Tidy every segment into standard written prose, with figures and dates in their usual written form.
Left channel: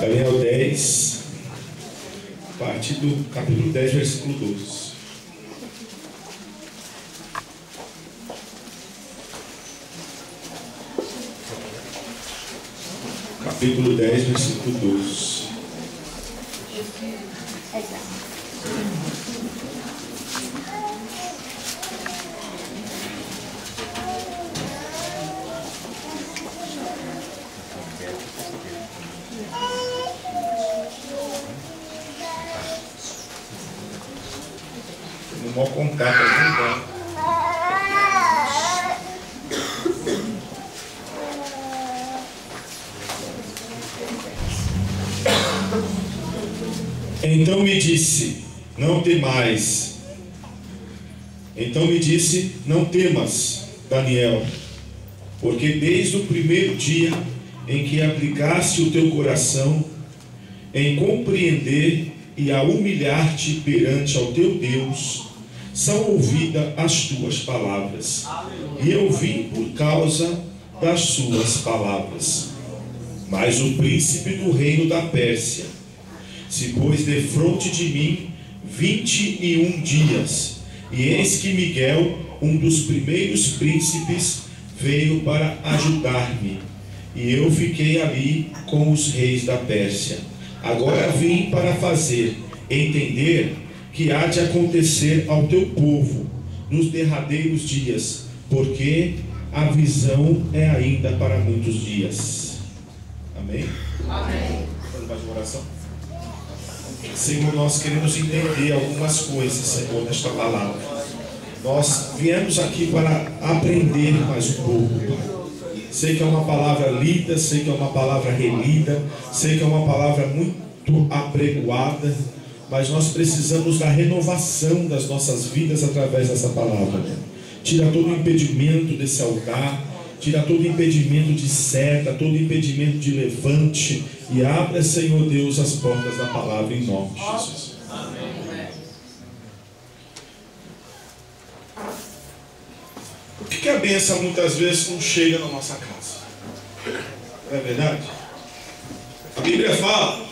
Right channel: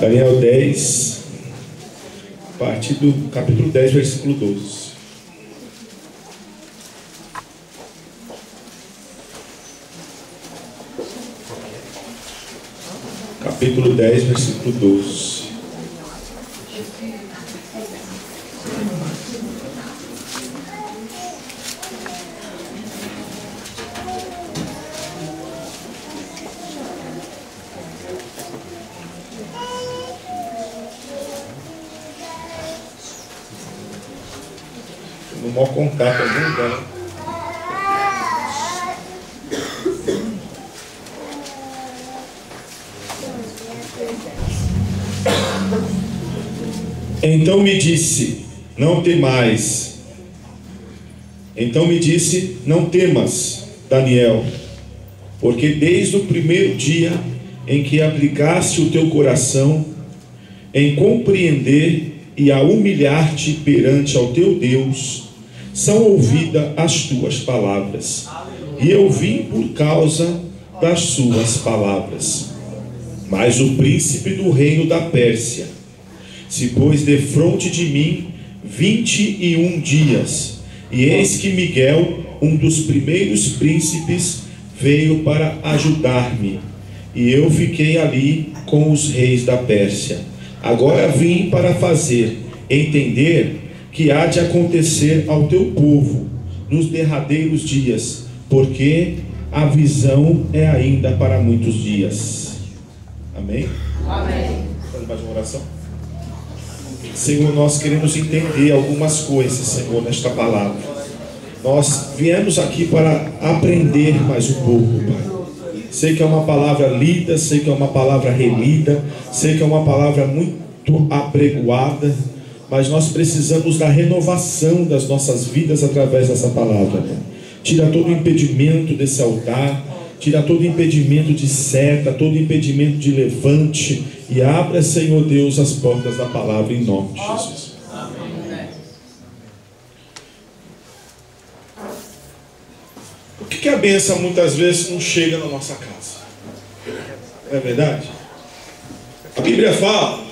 Daniel 10, a partir do capítulo 10, versículo 12. Capítulo 10, versículo 12. No maior contato algum lugar. Então me disse, não temais. Então me disse, não temas, Daniel, porque desde o primeiro dia em que aplicaste o teu coração em compreender e a humilhar-te perante ao teu Deus, são ouvidas as tuas palavras, e eu vim por causa das suas palavras. Mas o príncipe do reino da Pérsia se pôs defronte de mim 21 dias, e eis que Miguel, um dos primeiros príncipes, veio para ajudar-me, e eu fiquei ali com os reis da Pérsia. Agora vim para fazer entender que há de acontecer ao teu povo nos derradeiros dias, porque a visão é ainda para muitos dias. Amém? Amém. Vamos mais uma oração? Senhor, nós queremos entender algumas coisas, Senhor, nesta palavra. Nós viemos aqui para aprender mais um pouco, Pai. Sei que é uma palavra lida, sei que é uma palavra relida, sei que é uma palavra muito apregoada, mas nós precisamos da renovação das nossas vidas através dessa palavra, Pai. Tira todo o impedimento desse altar, tira todo o impedimento de seta, todo o impedimento de levante, e abra, Senhor Deus, as portas da palavra em nome de Jesus. Amém. Por que a bênção muitas vezes não chega na nossa casa? Não é verdade? A Bíblia fala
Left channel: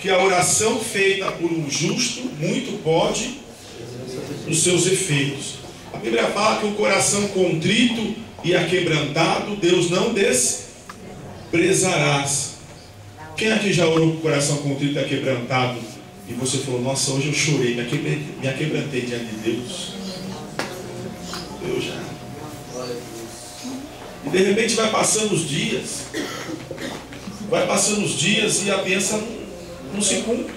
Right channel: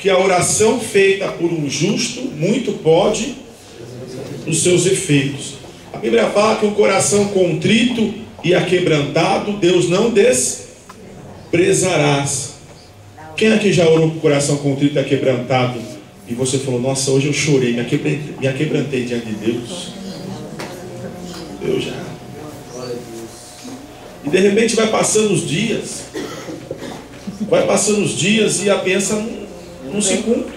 que a oração feita por um justo muito pode nos seus efeitos. A Bíblia fala que o coração contrito e aquebrantado Deus não desprezarás. Quem aqui já orou com o coração contrito e aquebrantado e você falou, nossa, hoje eu chorei, me aquebrantei diante de Deus? Eu já. E de repente vai passando os dias, e a bênção não se cumpre,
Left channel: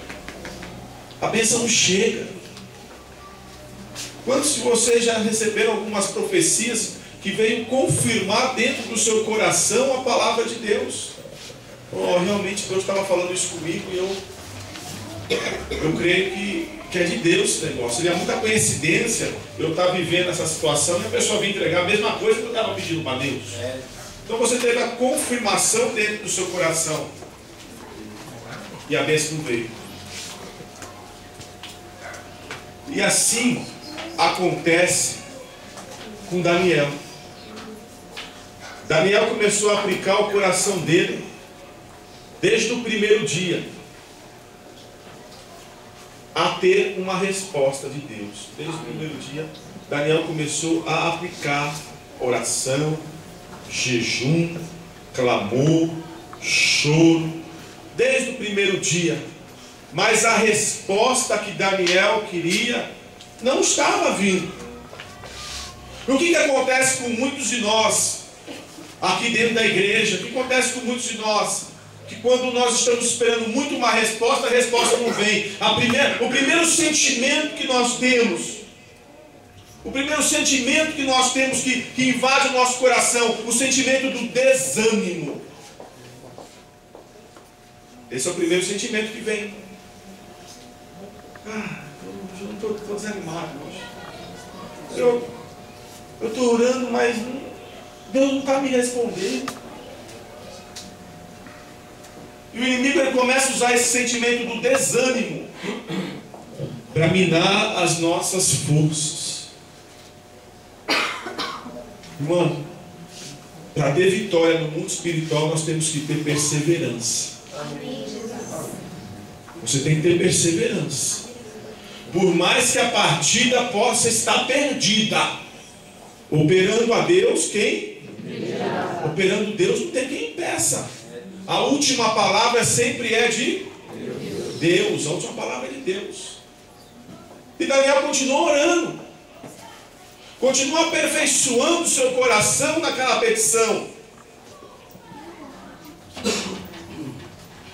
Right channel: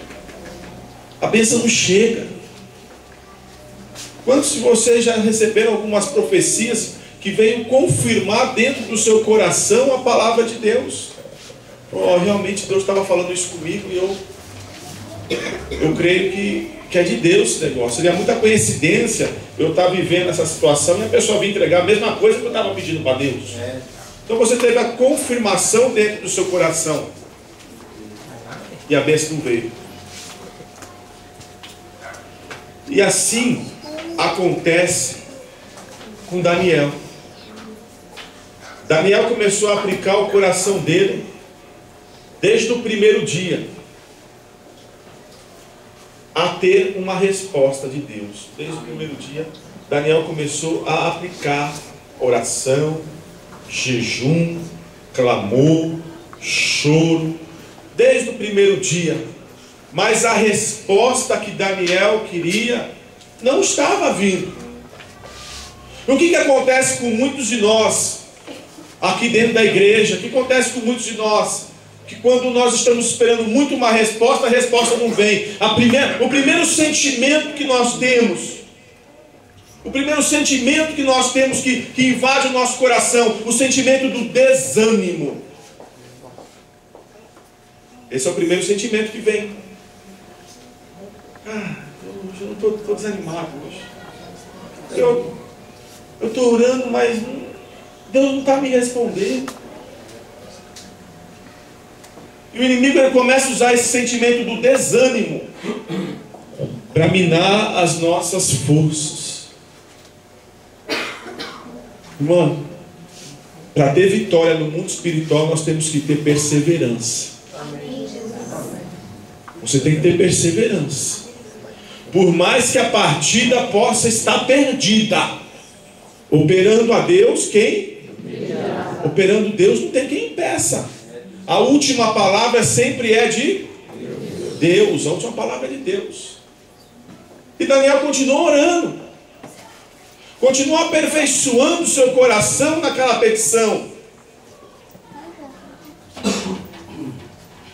a bênção não chega. Quantos de vocês já receberam algumas profecias que veio confirmar dentro do seu coração a palavra de Deus? Oh, realmente Deus estava falando isso comigo e eu creio que é de Deus esse negócio. Seria muita coincidência eu estar vivendo essa situação e a pessoa vir entregar a mesma coisa que eu estava pedindo para Deus. Então você teve a confirmação dentro do seu coração e a bênção não veio. E assim acontece com Daniel. Daniel começou a aplicar o coração dele desde o primeiro dia a ter uma resposta de Deus. Desde o primeiro dia Daniel começou a aplicar oração, jejum, clamor, choro, desde o primeiro dia. Mas a resposta que Daniel queria não estava vindo. O que acontece com muitos de nós aqui dentro da igreja? O que acontece com muitos de nós? Que quando nós estamos esperando muito uma resposta, a resposta não vem. O primeiro sentimento que nós temos, que invade o nosso coração, o sentimento do desânimo. Esse é o primeiro sentimento que vem. Hoje eu não estou desanimado hoje. Eu estou orando, mas Deus não está me respondendo. E o inimigo ele começa a usar esse sentimento do desânimo para minar as nossas forças. Irmão, para ter vitória no mundo espiritual, nós temos que ter perseverança. Você tem que ter perseverança. Por mais que a partida possa estar perdida, operando a Deus, quem? Operando Deus, não tem quem impeça. A última palavra sempre é de Deus. A última palavra é de Deus. E Daniel continua orando, continua aperfeiçoando seu coração naquela petição.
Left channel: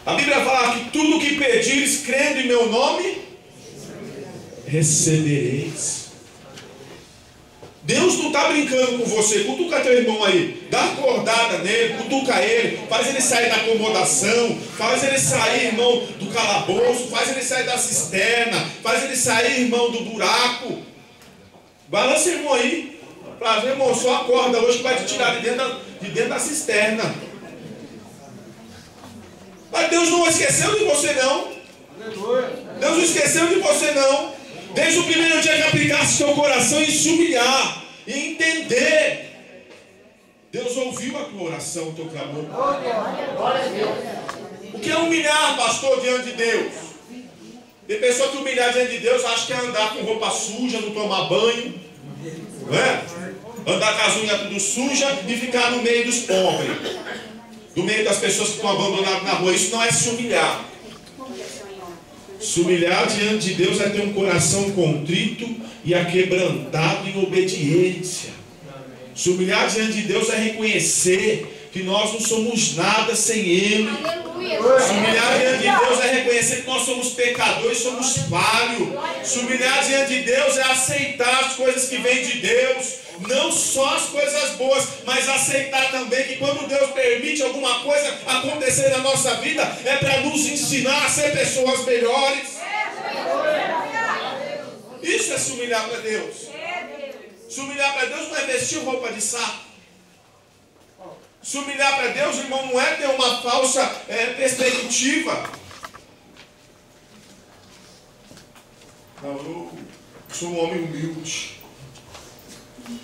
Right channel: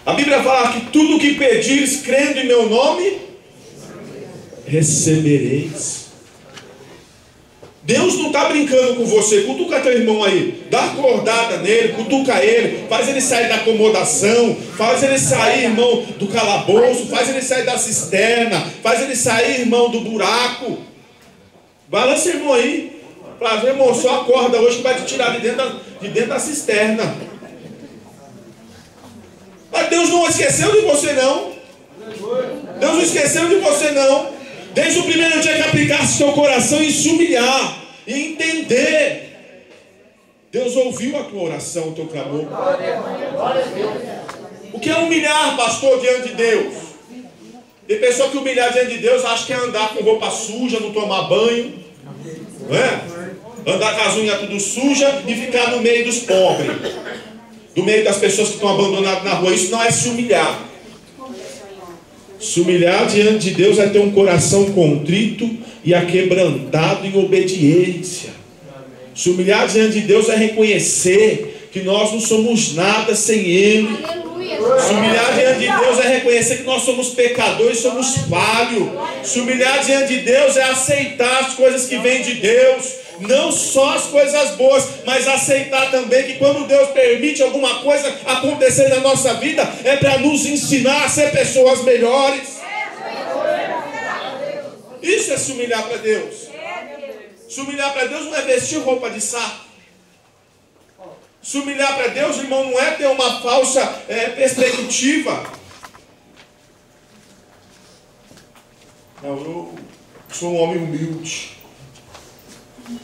A Bíblia fala que tudo que pedires, crendo em meu nome, recebereis. Deus não está brincando com você. Cutuca teu irmão aí, dá uma acordada nele, cutuca ele, faz ele sair da acomodação, faz ele sair, irmão, do calabouço, faz ele sair da cisterna, faz ele sair, irmão, do buraco. Balança, irmão, aí, para ver, irmão, só acorda hoje que vai te tirar de dentro da cisterna. Mas Deus não esqueceu de você, não. Deus não esqueceu de você, não. Desde o primeiro dia que aplicasse seu coração e se humilhar e entender, Deus ouviu a tua oração, o teu clamor. O que é humilhar, pastor, diante de Deus? Tem pessoa que humilhar diante de Deus acha que é andar com roupa suja, não tomar banho, não é? Andar com as unhas tudo suja e ficar no meio dos pobres, no meio das pessoas que estão abandonadas na rua. Isso não é se humilhar. Se humilhar diante de Deus é ter um coração contrito e aquebrantado em obediência. Se humilhar diante de Deus é reconhecer que nós não somos nada sem Ele. Se humilhar diante de Deus é reconhecer que nós somos pecadores, somos falhos. Se humilhar diante de Deus é aceitar as coisas que vêm de Deus. Não só as coisas boas, mas aceitar também que quando Deus permite alguma coisa acontecer na nossa vida, é para nos ensinar a ser pessoas melhores. Isso é se humilhar para Deus. Se humilhar para Deus não é vestir roupa de saco. Se humilhar para Deus, irmão, não é ter uma falsa perspectiva. Não, eu sou um homem humilde.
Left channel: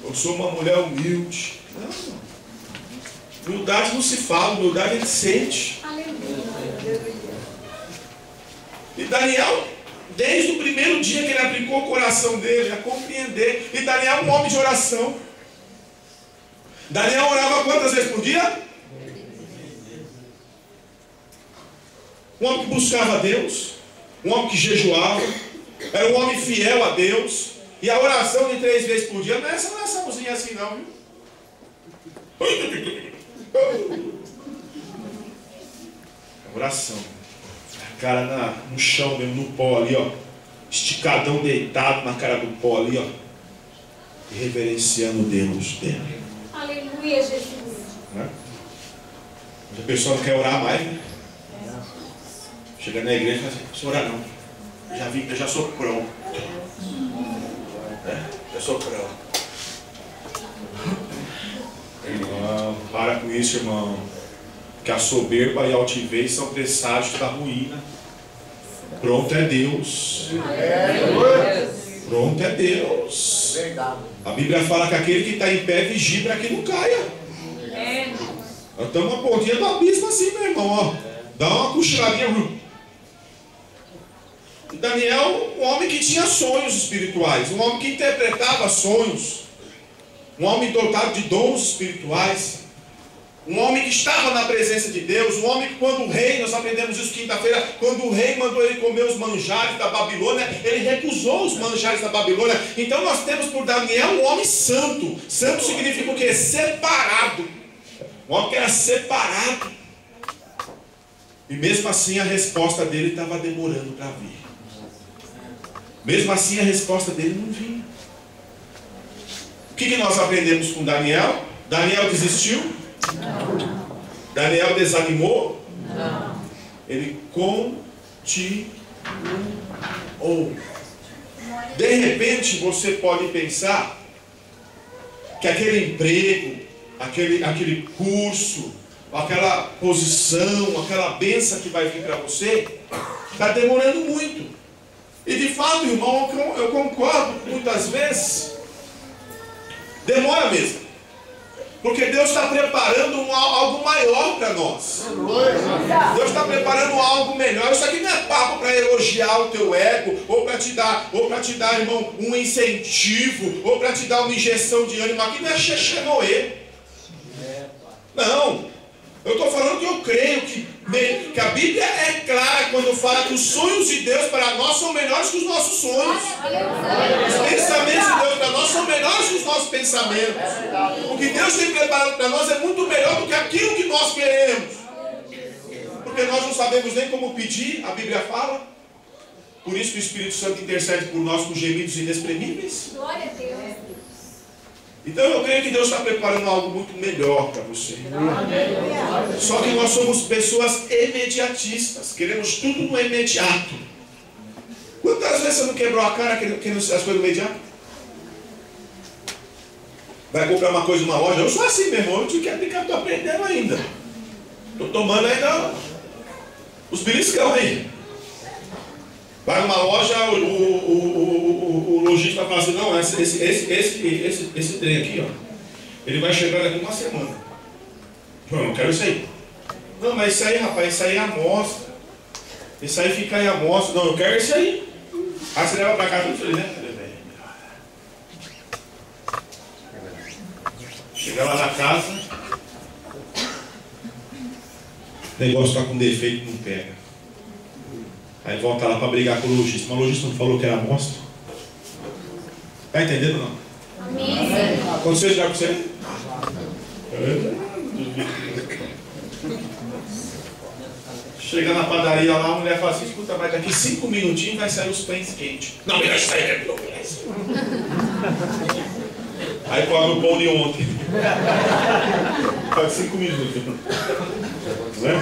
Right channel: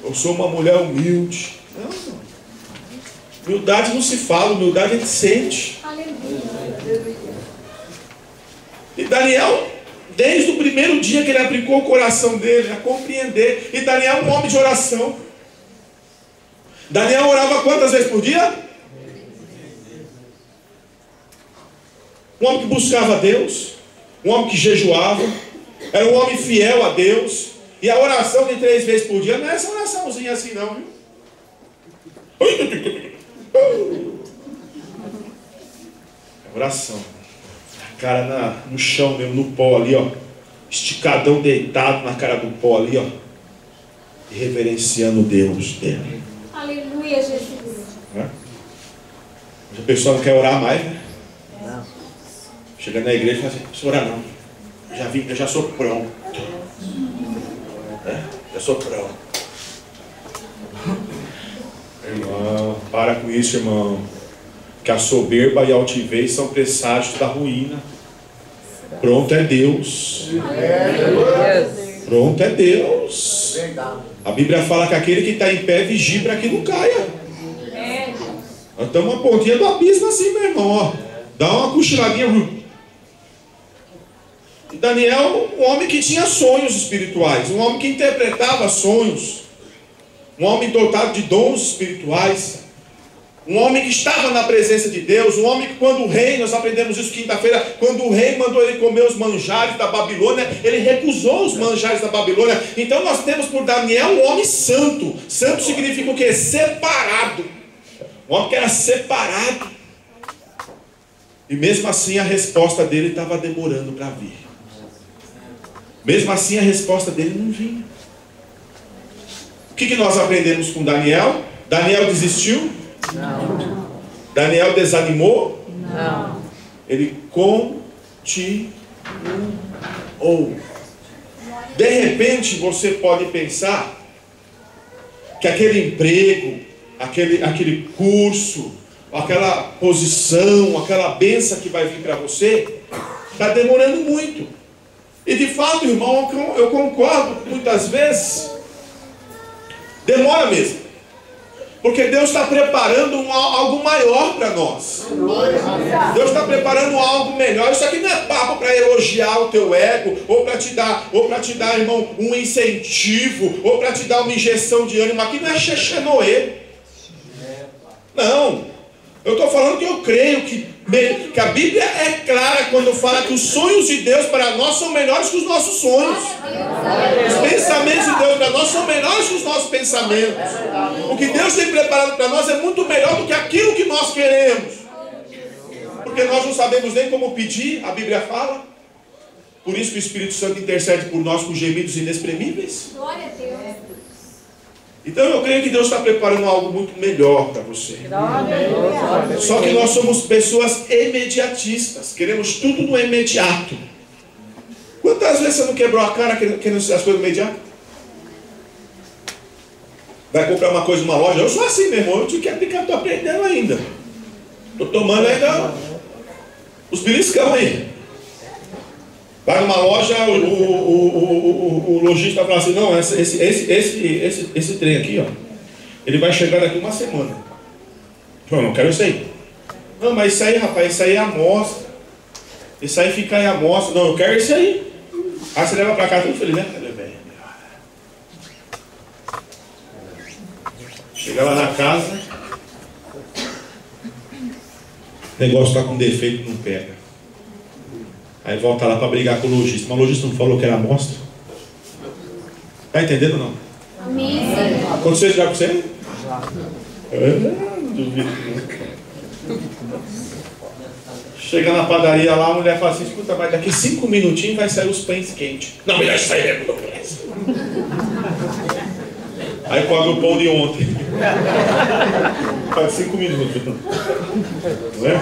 Eu sou uma mulher humilde. Não. Humildade não se fala, humildade a gente sente. E Daniel, desde o primeiro dia que ele aplicou o coração dele a compreender. E Daniel é um homem de oração. Daniel orava quantas vezes por dia? Um homem que buscava a Deus, um homem que jejuava, era um homem fiel a Deus. E a oração de 3 vezes por dia não é essa oraçãozinha assim não, viu? É oração. A cara no chão mesmo, no pó ali, ó. Esticadão, deitado na cara do pó ali, ó. E reverenciando Deus dela. Aleluia, Jesus. A pessoa não quer orar mais, né? Chega na igreja e fala assim, não precisa orar não. Eu já sou pronto. Já sou pronto. Irmão, para com isso, irmão. Que a soberba e a altivez são presságios da ruína. Pronto é Deus. Pronto é Deus. A Bíblia fala que aquele que está em pé vigia para que não caia. Nós estamos uma pontinha do abismo assim, meu irmão. Ó. Dá uma cochiladinha. E Daniel, um homem que tinha sonhos espirituais, um homem que interpretava sonhos, um homem dotado de dons espirituais, um homem que estava na presença de Deus, um homem que quando o rei, nós aprendemos isso quinta-feira, quando o rei mandou ele comer os manjares da Babilônia, ele recusou os manjares da Babilônia. Então nós temos por Daniel um homem santo. Santo significa o quê? Separado. Um homem que era separado. E mesmo assim a resposta dele estava demorando para vir. Mesmo assim a resposta dele não vinha. O que nós aprendemos com Daniel? Daniel desistiu? Não. Daniel desanimou? Não. Ele continuou. De repente você pode pensar que aquele emprego, aquele curso, aquela posição, aquela bênção que vai vir para você, está demorando muito. E de fato, irmão, eu concordo, muitas vezes demora mesmo. Porque Deus está preparando algo maior para nós. Deus está preparando algo melhor. Isso aqui não é papo para elogiar o teu ego, ou para te dar, irmão, um incentivo, ou para te dar uma injeção de ânimo. Aqui não é xexenoê. Não. Eu estou falando que eu creio que a Bíblia é clara quando fala que os sonhos de Deus para nós são melhores que os nossos sonhos. Os pensamentos de Deus para nós são melhores que os nossos pensamentos. O que Deus tem preparado para nós é muito melhor do que aquilo que nós queremos. Porque nós não sabemos nem como pedir, a Bíblia fala. Por isso que o Espírito Santo intercede por nós com gemidos inexprimíveis. Glória a Deus. Então eu creio que Deus está preparando algo muito melhor para você. Só que nós somos pessoas imediatistas. Queremos tudo no imediato. Quantas vezes você não quebrou a cara querendo as coisas no imediato? Vai comprar uma coisa numa loja. Eu sou assim, meu irmão. Eu estou aprendendo ainda. Estou tomando ainda os beliscão aí. Vai numa loja, o lojista fala assim, não, esse trem aqui, ó, ele vai chegar daqui uma semana. Eu não quero isso aí. Não, mas isso aí, rapaz, isso aí é amostra. Isso aí fica em amostra. Não, eu quero isso aí. Aí você leva pra cá tudo feliz, né? Chega lá na casa, o negócio está com defeito, não pega. Aí volta lá para brigar com o lojista. Mas o lojista não falou que era amostra? Está entendendo ou não? Amém. Aconteceu já com você? Chega na padaria lá, a mulher fala assim, escuta, mas daqui 5 minutinhos vai sair os pães quentes. Não, melhor isso aí, não conhece. Aí come o pão de ontem. Faz 5 minutos. Não é?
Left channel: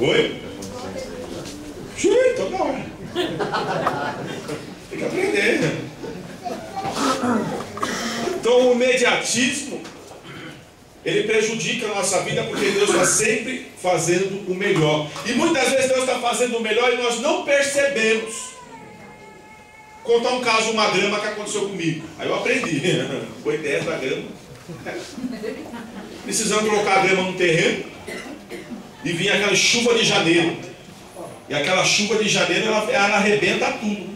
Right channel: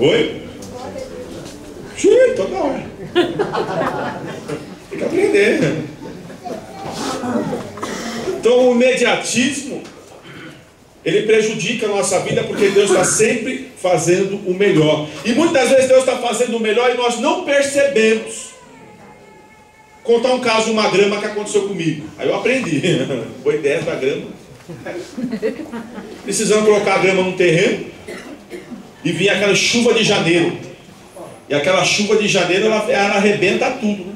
Oi? Toda hora. Tem que aprender. Então o imediatismo, ele prejudica a nossa vida, porque Deus está sempre fazendo o melhor. E muitas vezes Deus está fazendo o melhor e nós não percebemos. Vou contar um caso de uma grama que aconteceu comigo. Aí eu aprendi. Foi 10 da grama. Precisamos colocar a grama no terreno. E vinha aquela chuva de janeiro. E aquela chuva de janeiro, ela arrebenta tudo, né?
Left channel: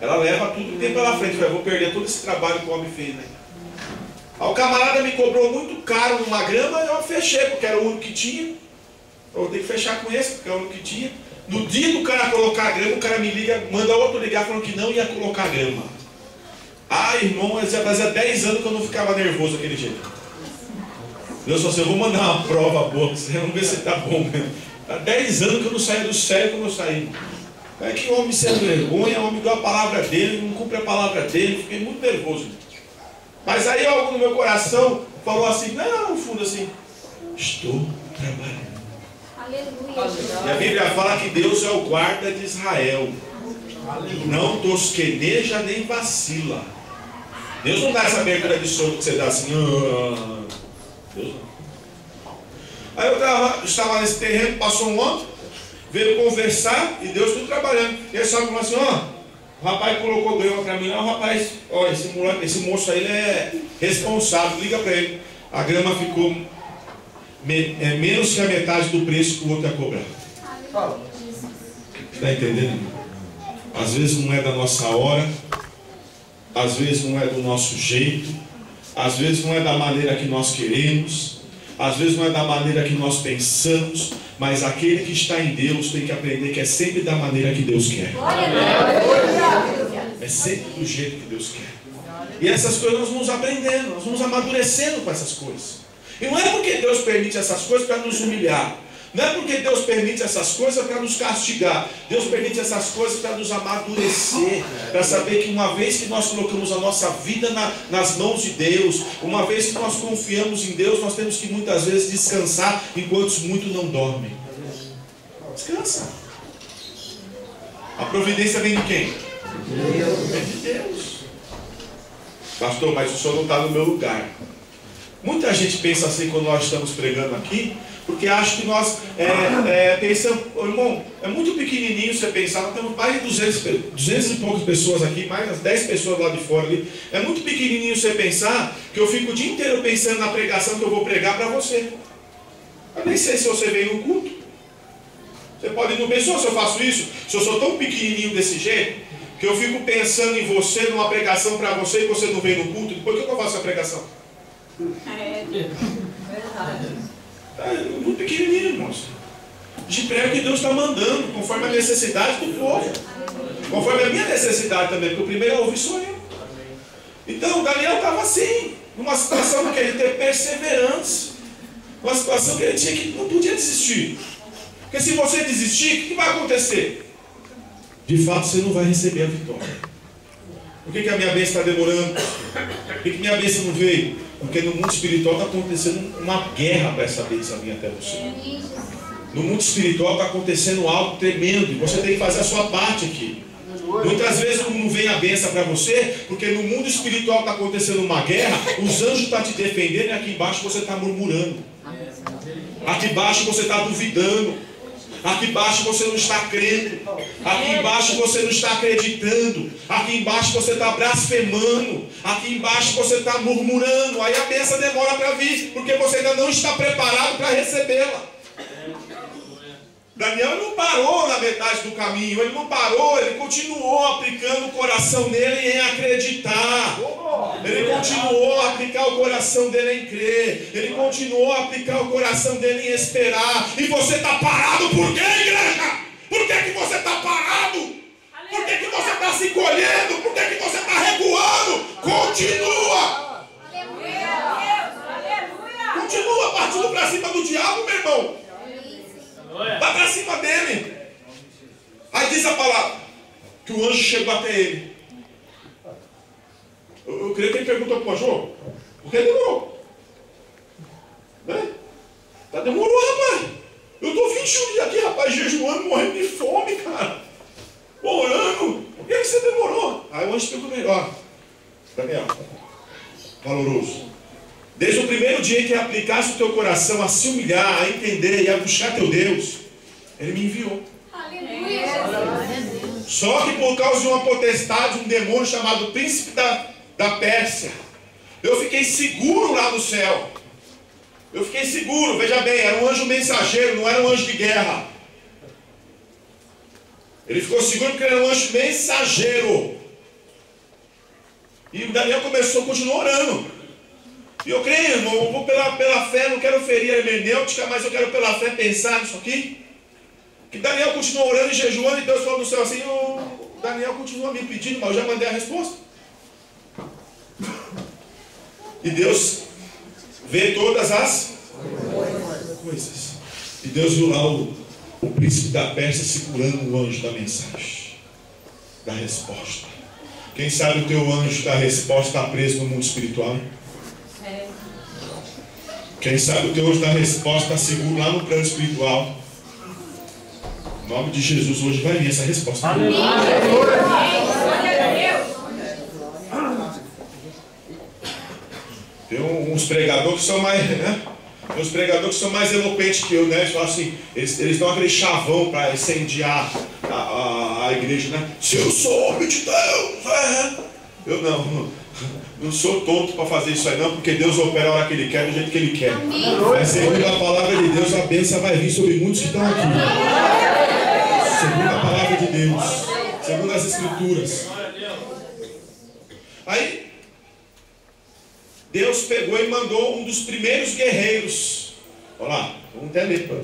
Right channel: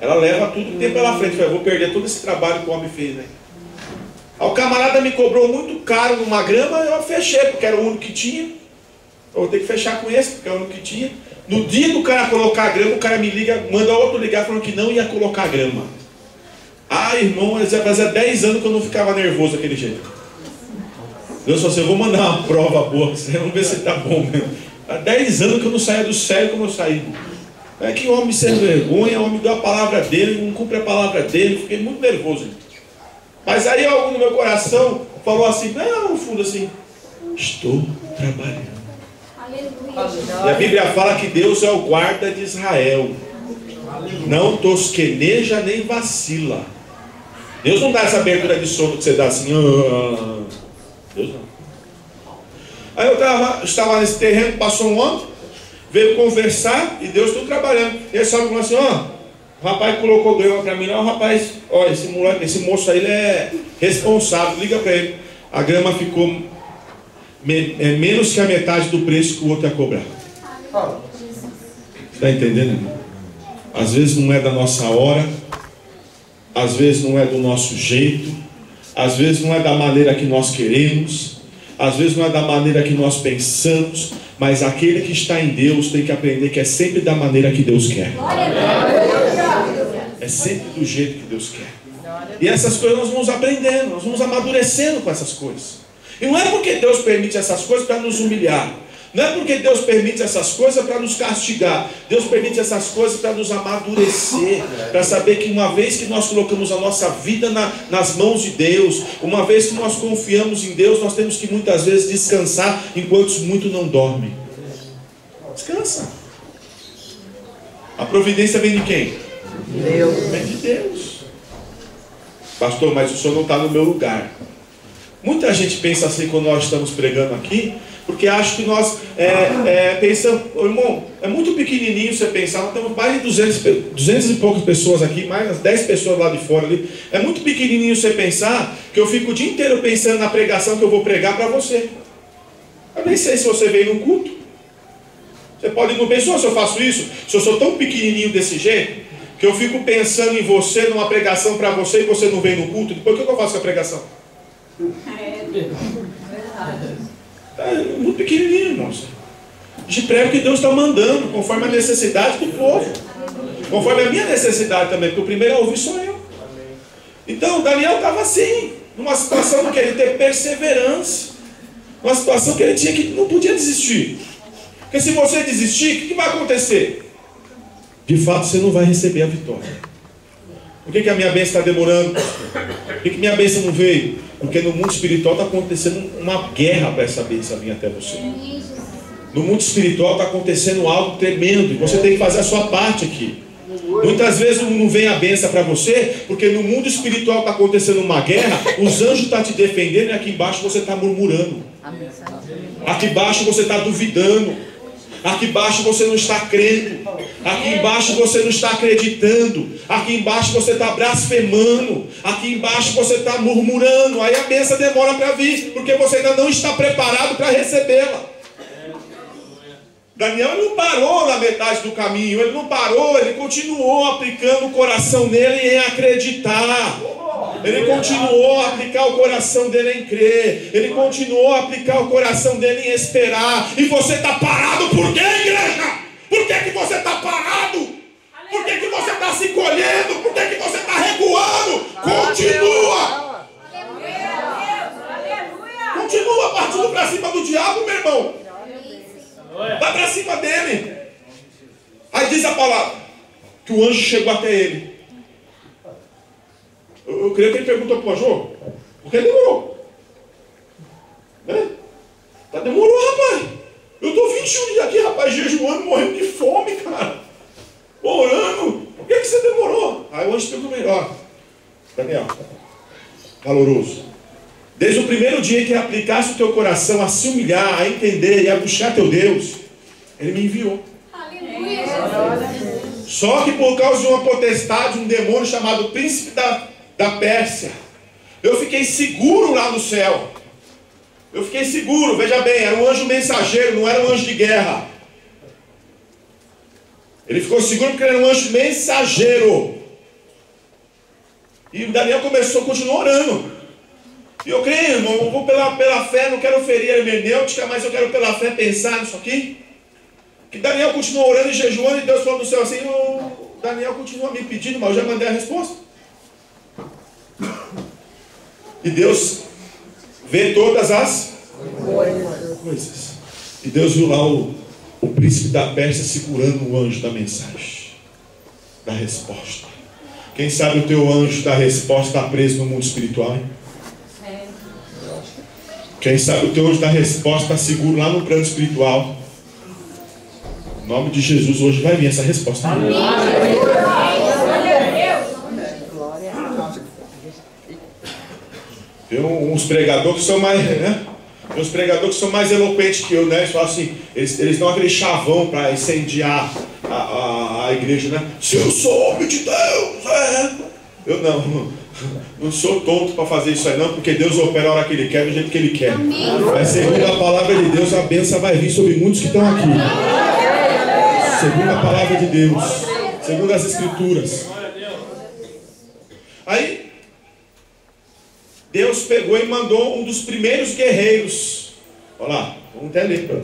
Ela leva tudo que tem pela frente. Eu vou perder todo esse trabalho que o homem fez, né? Aí o camarada me cobrou muito caro numa grama, eu fechei, porque era o único que tinha. Eu vou ter que fechar com esse, porque é o único que tinha. No dia do cara colocar a grama, o cara me liga, manda outro ligar falando que não ia colocar a grama. Ah, irmão, fazia 10 anos que eu não ficava nervoso daquele jeito. Deus falou assim, eu vou mandar uma prova boa pra você, vamos ver se tá bom mesmo. Há 10 anos que eu não saía do sério como eu saí. É que o homem sem vergonha, o homem deu a palavra dele, não cumpre a palavra dele, fiquei muito nervoso. Mas aí algo no meu coração falou assim, não, no fundo assim, estou trabalhando. Aleluia. E a Bíblia fala que Deus é o guarda de Israel. Não tosqueneja nem vacila. Deus não dá essa abertura de sono que você dá assim. Deus não. Aí eu estava nesse terreno, passou um homem, veio conversar e Deus tudo trabalhando. E ele só falou assim, o rapaz colocou grama para mim, não, rapaz, esse moço aí ele é responsável, liga para ele. A grama ficou menos que a metade do preço que o outro ia cobrar. Está entendendo? Às vezes não é da nossa hora, às vezes não é do nosso jeito, às vezes não é da maneira que nós queremos. Às vezes não é da maneira que nós pensamos, mas aquele que está em Deus tem que aprender que é sempre da maneira que Deus quer. É sempre do jeito que Deus quer. E essas coisas nós vamos aprendendo, nós vamos amadurecendo com essas coisas. E não é porque Deus permite essas coisas para nos humilhar. Não é porque Deus permite essas coisas para nos castigar. Deus permite essas coisas para nos amadurecer, para saber que uma vez que nós colocamos a nossa vida nas mãos de Deus, uma vez que nós confiamos em Deus, nós temos que muitas vezes descansar, enquanto muitos não dormem. Descansa. A providência vem de quem? Deus. Vem de Deus. Pastor, mas o senhor não está no meu lugar. Muita gente pensa assim quando nós estamos pregando aqui. Porque acho que nós pensamos, irmão, é muito pequenininho você pensar, nós temos mais de 200 e poucas pessoas aqui, mais umas 10 pessoas lá de fora ali. É muito pequenininho você pensar que eu fico o dia inteiro pensando na pregação que eu vou pregar para você. Eu nem sei se você veio no culto. Você pode não pensar se eu faço isso, se eu sou tão pequenininho desse jeito, que eu fico pensando em você, numa pregação para você, e você não veio no culto. Depois o que eu faço a pregação? Verdade. É muito pequenininho, irmãos. A gente prega o que Deus está mandando, conforme a necessidade do povo. Conforme a minha necessidade também, porque o primeiro a ouvir sou eu. Então, Daniel estava assim, numa situação que ele ter perseverança. Uma situação que ele tinha que não podia desistir. Porque se você desistir, o que vai acontecer? De fato, você não vai receber a vitória. Por que a minha bênção está demorando? Por que minha bênção não veio? Porque no mundo espiritual está acontecendo uma guerra para essa bênção vir até você. No mundo espiritual está acontecendo algo tremendo. E você tem que fazer a sua parte aqui. Muitas vezes não vem a bênção para você, porque no mundo espiritual está acontecendo uma guerra, os anjos estão te defendendo e aqui embaixo você está murmurando. Aqui embaixo você está duvidando. Aqui embaixo você não está crendo. Aqui embaixo você não está acreditando. Aqui embaixo você está blasfemando. Aqui embaixo você está murmurando. Aí a bênção demora para vir, porque você ainda não está preparado para recebê-la. Daniel não parou na metade do caminho. Ele não parou, ele continuou aplicando o coração nele em acreditar. Ele continuou a aplicar o coração dele em crer. Ele continuou a aplicar o coração dele em esperar. E você está parado por quê, igreja? Por que você está parado? Por que você está se encolhendo? Por que você está recuando? Continua! Continua partindo para cima do diabo, meu irmão. Vai para cima dele. Aí diz a palavra que o anjo chegou até ele. Eu creio que ele perguntou para o anjo, por que demorou? Né? Tá demorou, rapaz. Eu estou 21 dias aqui, rapaz, jejuando, morrendo de fome, cara. Orando. Por que você demorou? Aí o anjo explicou melhor. Daniel, valoroso. Desde o primeiro dia que aplicasse o teu coração a se humilhar, a entender e a buscar teu Deus, ele me enviou. Aleluia. Só que por causa de uma potestade, um demônio chamado príncipe da Pérsia, eu fiquei seguro lá no céu. Eu fiquei seguro, veja bem, era um anjo mensageiro, não era um anjo de guerra. Ele ficou seguro porque era um anjo mensageiro. E Daniel continuou orando. E eu creio, irmão, eu vou pela fé, não quero ferir a hermenêutica, mas eu quero pela fé pensar nisso aqui. Que Daniel continuou orando e jejuando, e Deus falou do céu assim, Daniel continua me pedindo, mas eu já mandei a resposta. E Deus vê todas as coisas. E Deus viu lá o príncipe da Pérsia segurando o anjo da mensagem, da resposta. Quem sabe o teu anjo da resposta está preso no mundo espiritual, hein? Quem sabe o teu anjo da resposta está seguro lá no plano espiritual. Em nome de Jesus, hoje vai vir essa resposta. Amém. Tem uns pregadores que são mais, né? Tem uns pregadores que são mais eloquentes que eu, né? Eles falam assim, eles dão aquele chavão para incendiar a igreja, né? Se eu sou homem de Deus, eu não sou tonto para fazer isso aí não, porque Deus opera a hora que Ele quer, do jeito que Ele quer. Mas segundo a palavra de Deus, a bênção vai vir sobre muitos que estão aqui. Segundo a palavra de Deus, segundo as Escrituras. Aí Deus pegou e mandou um dos primeiros guerreiros. Olha lá, vamos até ler.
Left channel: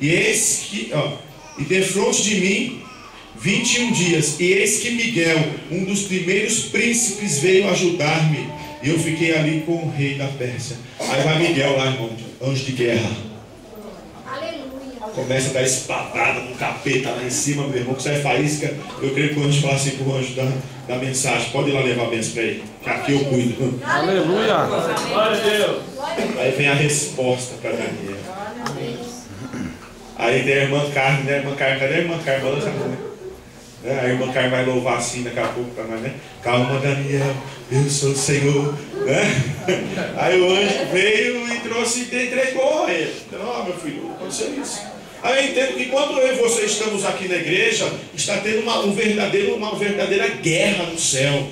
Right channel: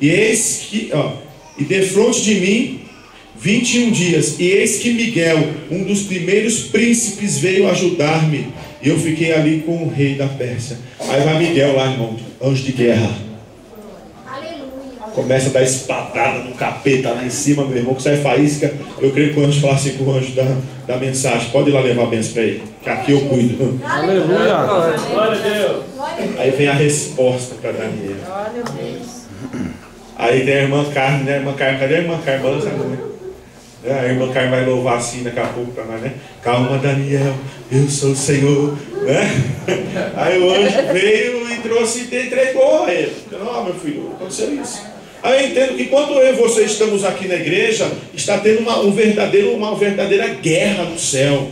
E eis que, e defronte de mim 21 dias, e eis que Miguel, um dos primeiros príncipes, veio ajudar-me, e eu fiquei ali com o rei da Pérsia. Aí vai Miguel lá, irmão, anjo de guerra. Aleluia. Começa a dar espadada no capeta lá em cima, meu irmão, que sai faísca. Eu creio que o anjo fala assim com o anjo da mensagem: pode ir lá levar a bênção para ele, que aqui eu cuido. Aleluia. Glória a Deus. Aí vem a resposta para Daniel. Aí tem a irmã Carmen, né? A irmã Carmen, cadê a irmã Carmen? A irmã Carmen vai louvar assim daqui a pouco para nós, né? Calma, Daniel, eu sou o Senhor, né? Aí o anjo veio e trouxe e entregou a ele. Não, meu filho, aconteceu isso. Aí eu entendo que quando eu e você estamos aqui na igreja, está tendo uma verdadeira guerra no céu.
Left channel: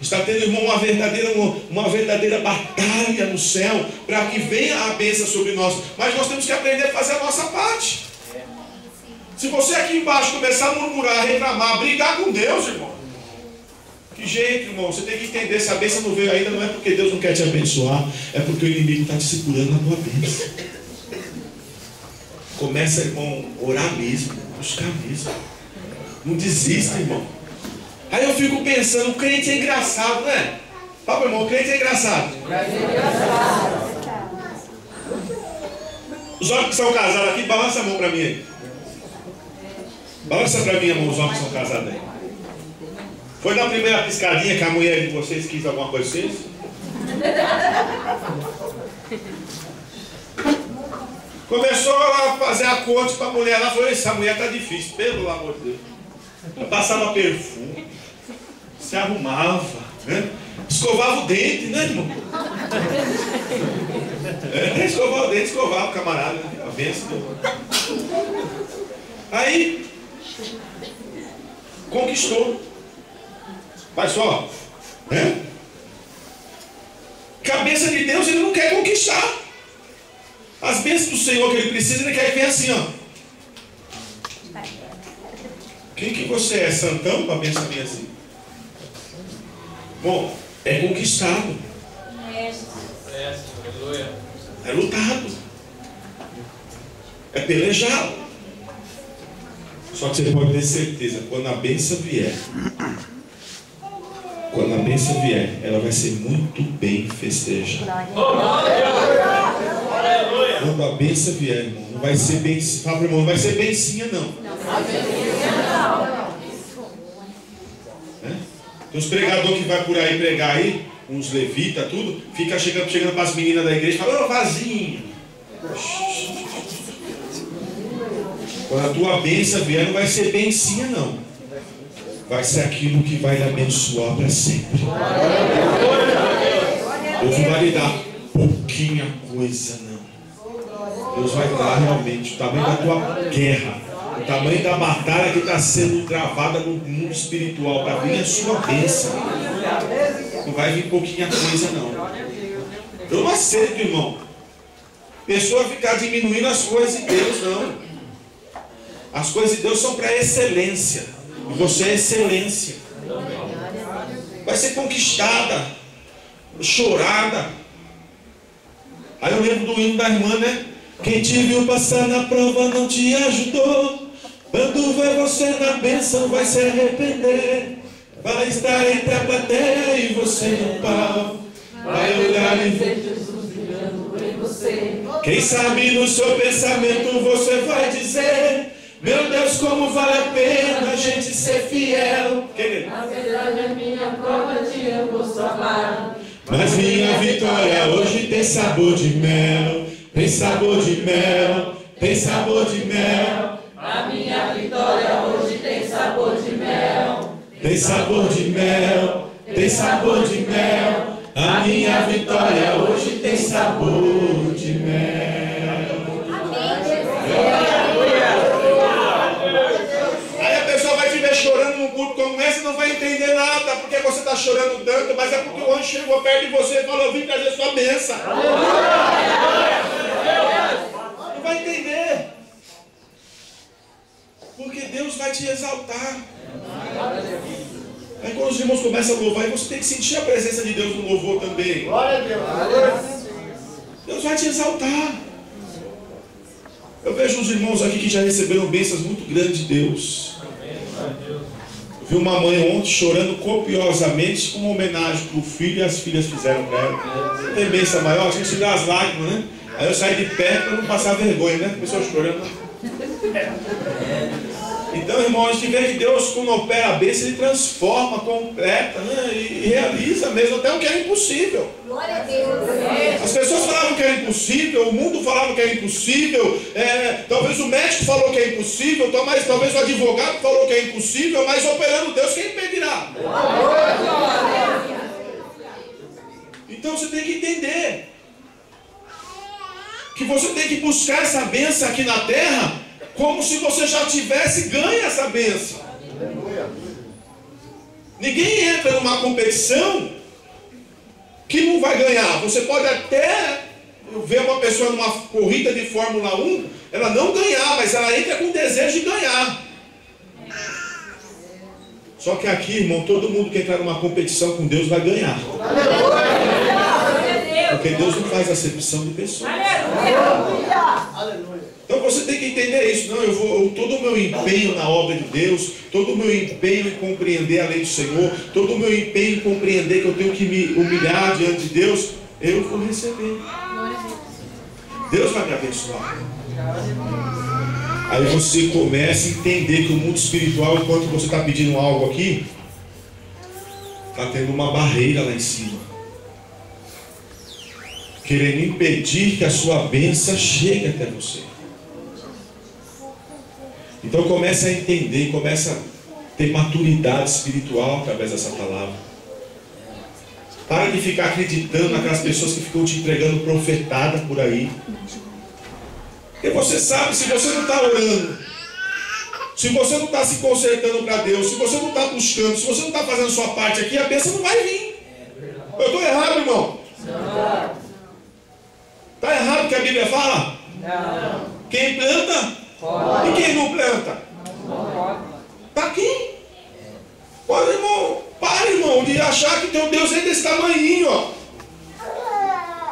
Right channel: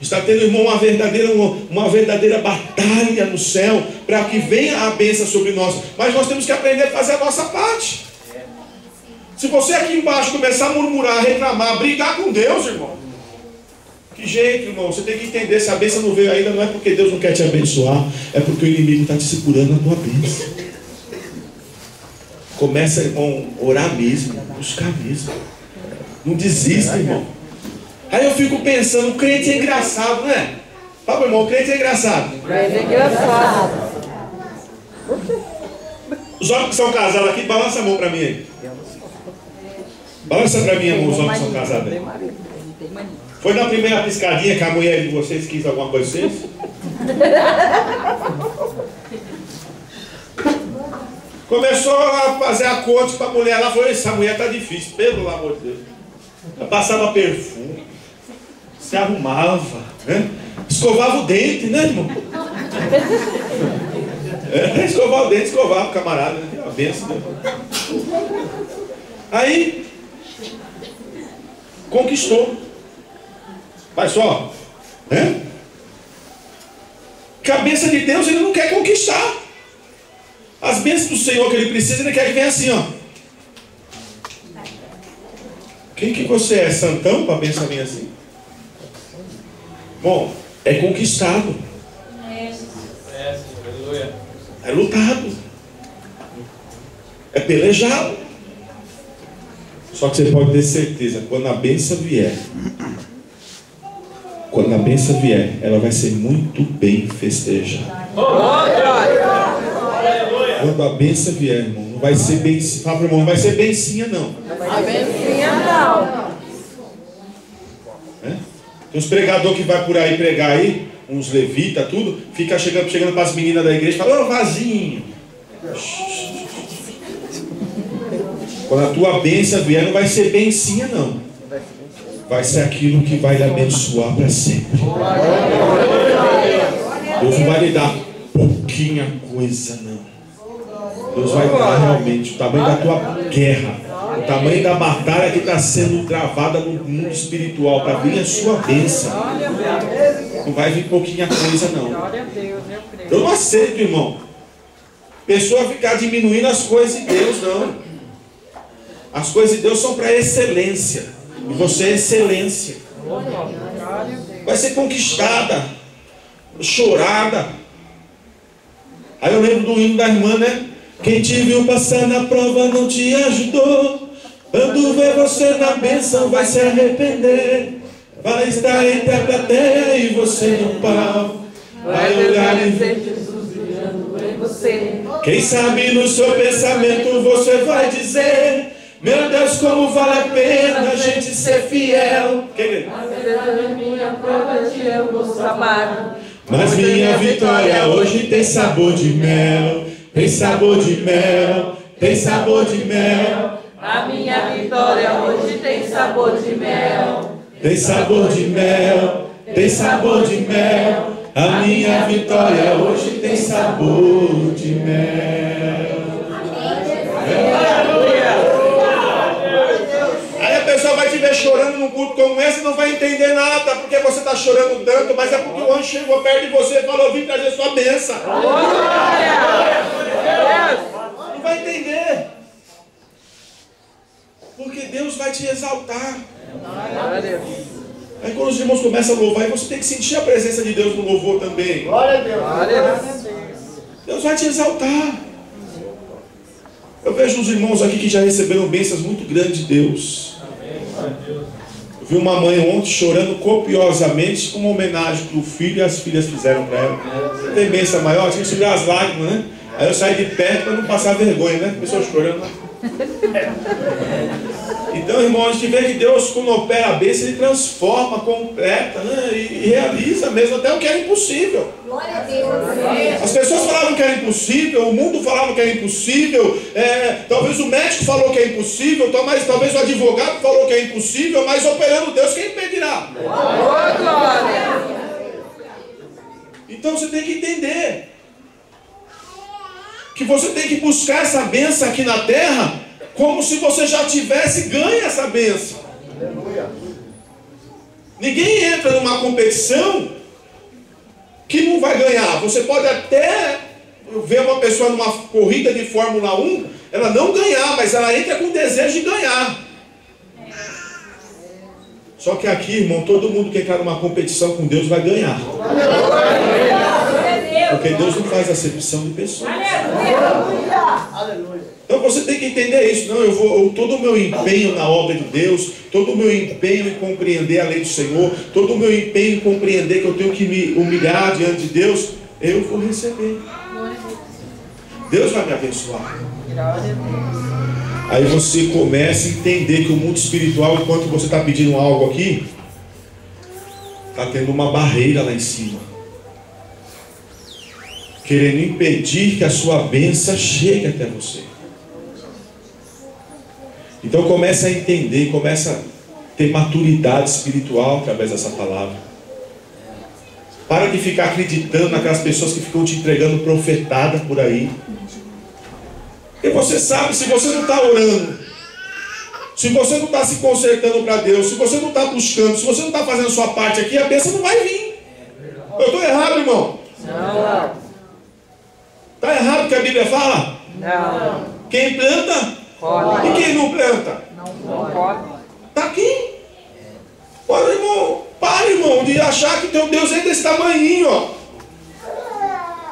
Está tendo, irmão, uma verdadeira batalha no céu, para que venha a bênção sobre nós. Mas nós temos que aprender a fazer a nossa parte. Se você aqui embaixo começar a murmurar, reclamar, brigar com Deus, irmão, que jeito, irmão? Você tem que entender, se a bênção não veio ainda, não é porque Deus não quer te abençoar, é porque o inimigo está te segurando na tua bênção. Começa, irmão, a orar mesmo, buscar mesmo. Não desista, irmão. Aí eu fico pensando, o crente é engraçado, não é? Fala, irmão, o crente é engraçado. O crente é engraçado. Os homens que são casados aqui, balança a mão para mim aí. Balança para mim a mão, os homens que são casados aí. Foi na primeira piscadinha que a mulher de vocês quis alguma coisa de vocês? Começou a fazer a conta para a mulher. Ela falou, essa mulher tá difícil, pelo amor de Deus. Ela passava perfume, se arrumava, né? Escovava o dente, né, irmão? Escovar o dente, escovava o camarada, né? A benção. Aí, conquistou. Mas só, né? Cabeça de Deus, ele não quer conquistar. As bênçãos do Senhor que ele precisa, ele quer que venha assim, ó. Quem que você é? Santão para a bênção vir assim? Bom, é conquistado. É lutado. É pelejado. Só que você pode ter certeza, quando a bênção vier, ela vai ser muito bem festejada. Quando a bênção vier, irmão, não vai ser bem, fala para o irmão, não vai ser bencinha não. Tem uns pregadores que vai por aí pregar aí, uns levitas, tudo, fica chegando para as meninas da igreja e fala, ô vasinho. Quando a tua bênção vier, não vai ser bencinha não. Vai ser aquilo que vai lhe abençoar para sempre. Deus não vai lhe dar pouquinha coisa não. Deus vai dar realmente o tamanho da tua guerra, o tamanho da batalha que está sendo travada no mundo espiritual, para vir a sua bênção. Não vai vir pouquinha coisa não. Eu não aceito, irmão, pessoa ficar diminuindo as coisas de Deus, não. As coisas de Deus são para excelência, e você é excelência. Vai ser conquistada, chorada. Aí eu lembro do hino da irmã, né? Quem te viu passar na prova não te ajudou. Quando vê você na bênção vai se arrepender. Vai estar entre a plateia e você no palco. Vai olhar e ver Jesus brilhando em você. Quem sabe no seu pensamento você vai dizer: meu Deus, como vale a pena a gente ser fiel. A verdade é minha prova de eu posso amar. Mas minha vitória hoje tem sabor de mel. Tem sabor de mel, tem sabor de mel. A minha vitória hoje tem sabor de mel. Tem sabor de mel, tem sabor de mel. A minha vitória hoje tem sabor de mel. Aí a pessoa vai te ver chorando num culto como esse e não vai entender nada, porque você está chorando tanto, mas é porque o anjo chegou perto de você e falou: vim trazer sua bênção. Não vai entender, porque Deus vai te exaltar. Aí quando os irmãos começam a louvar, você tem que sentir a presença de Deus no louvor também. Glória a Deus. Deus vai te exaltar. Eu vejo os irmãos aqui que já receberam bênçãos muito grandes de Deus. Eu vi uma mãe ontem chorando copiosamente com uma homenagem que o filho e as filhas fizeram para ela. Você tem bênção maior? Tinha que segurar as lágrimas, né? Aí eu saí de perto para não passar vergonha, né? Pessoas chorando. Então, irmão, a gente vê que Deus, quando opera a bênção, Ele transforma, completa, né? E realiza mesmo até o que era impossível. Glória a Deus. As pessoas falavam que era impossível, o mundo falava que era impossível, talvez o médico falou que é impossível, talvez o advogado falou que é impossível, mas operando Deus, quem impedirá? Então você tem que entender. que você tem que buscar essa bênção aqui na terra, como se você já tivesse ganho essa bênção. Ninguém entra numa competição que não vai ganhar. Você pode até ver uma pessoa numa corrida de Fórmula 1, ela não ganhar, mas ela entra com desejo de ganhar. Só que aqui, irmão, todo mundo que entrar numa competição com Deus vai ganhar. Porque Deus não faz acepção de pessoas. Então você tem que entender isso. Não, todo o meu empenho na obra de Deus, todo o meu empenho em compreender a lei do Senhor, todo o meu empenho em compreender que eu tenho que me humilhar diante de Deus, eu vou receber. Deus vai me abençoar. Aí você começa a entender que o mundo espiritual, enquanto você está pedindo algo aqui, está tendo uma barreira lá em cima, querendo impedir que a sua bênção chegue até você. Então começa a entender, começa a ter maturidade espiritual através dessa palavra. Para de ficar acreditando naquelas pessoas que ficam te entregando profetada por aí. Porque você sabe, se você não está orando, se você não está se consertando para Deus, se você não está buscando, se você não está fazendo a sua parte aqui, a bênção não vai vir. Eu estou errado, irmão? Não. Está errado o que a Bíblia fala? Não. Quem planta? Pode. E quem não planta? Não pode. Está aqui. Olha, irmão, para, irmão, de achar que teu Deus é desse tamanhinho, ó.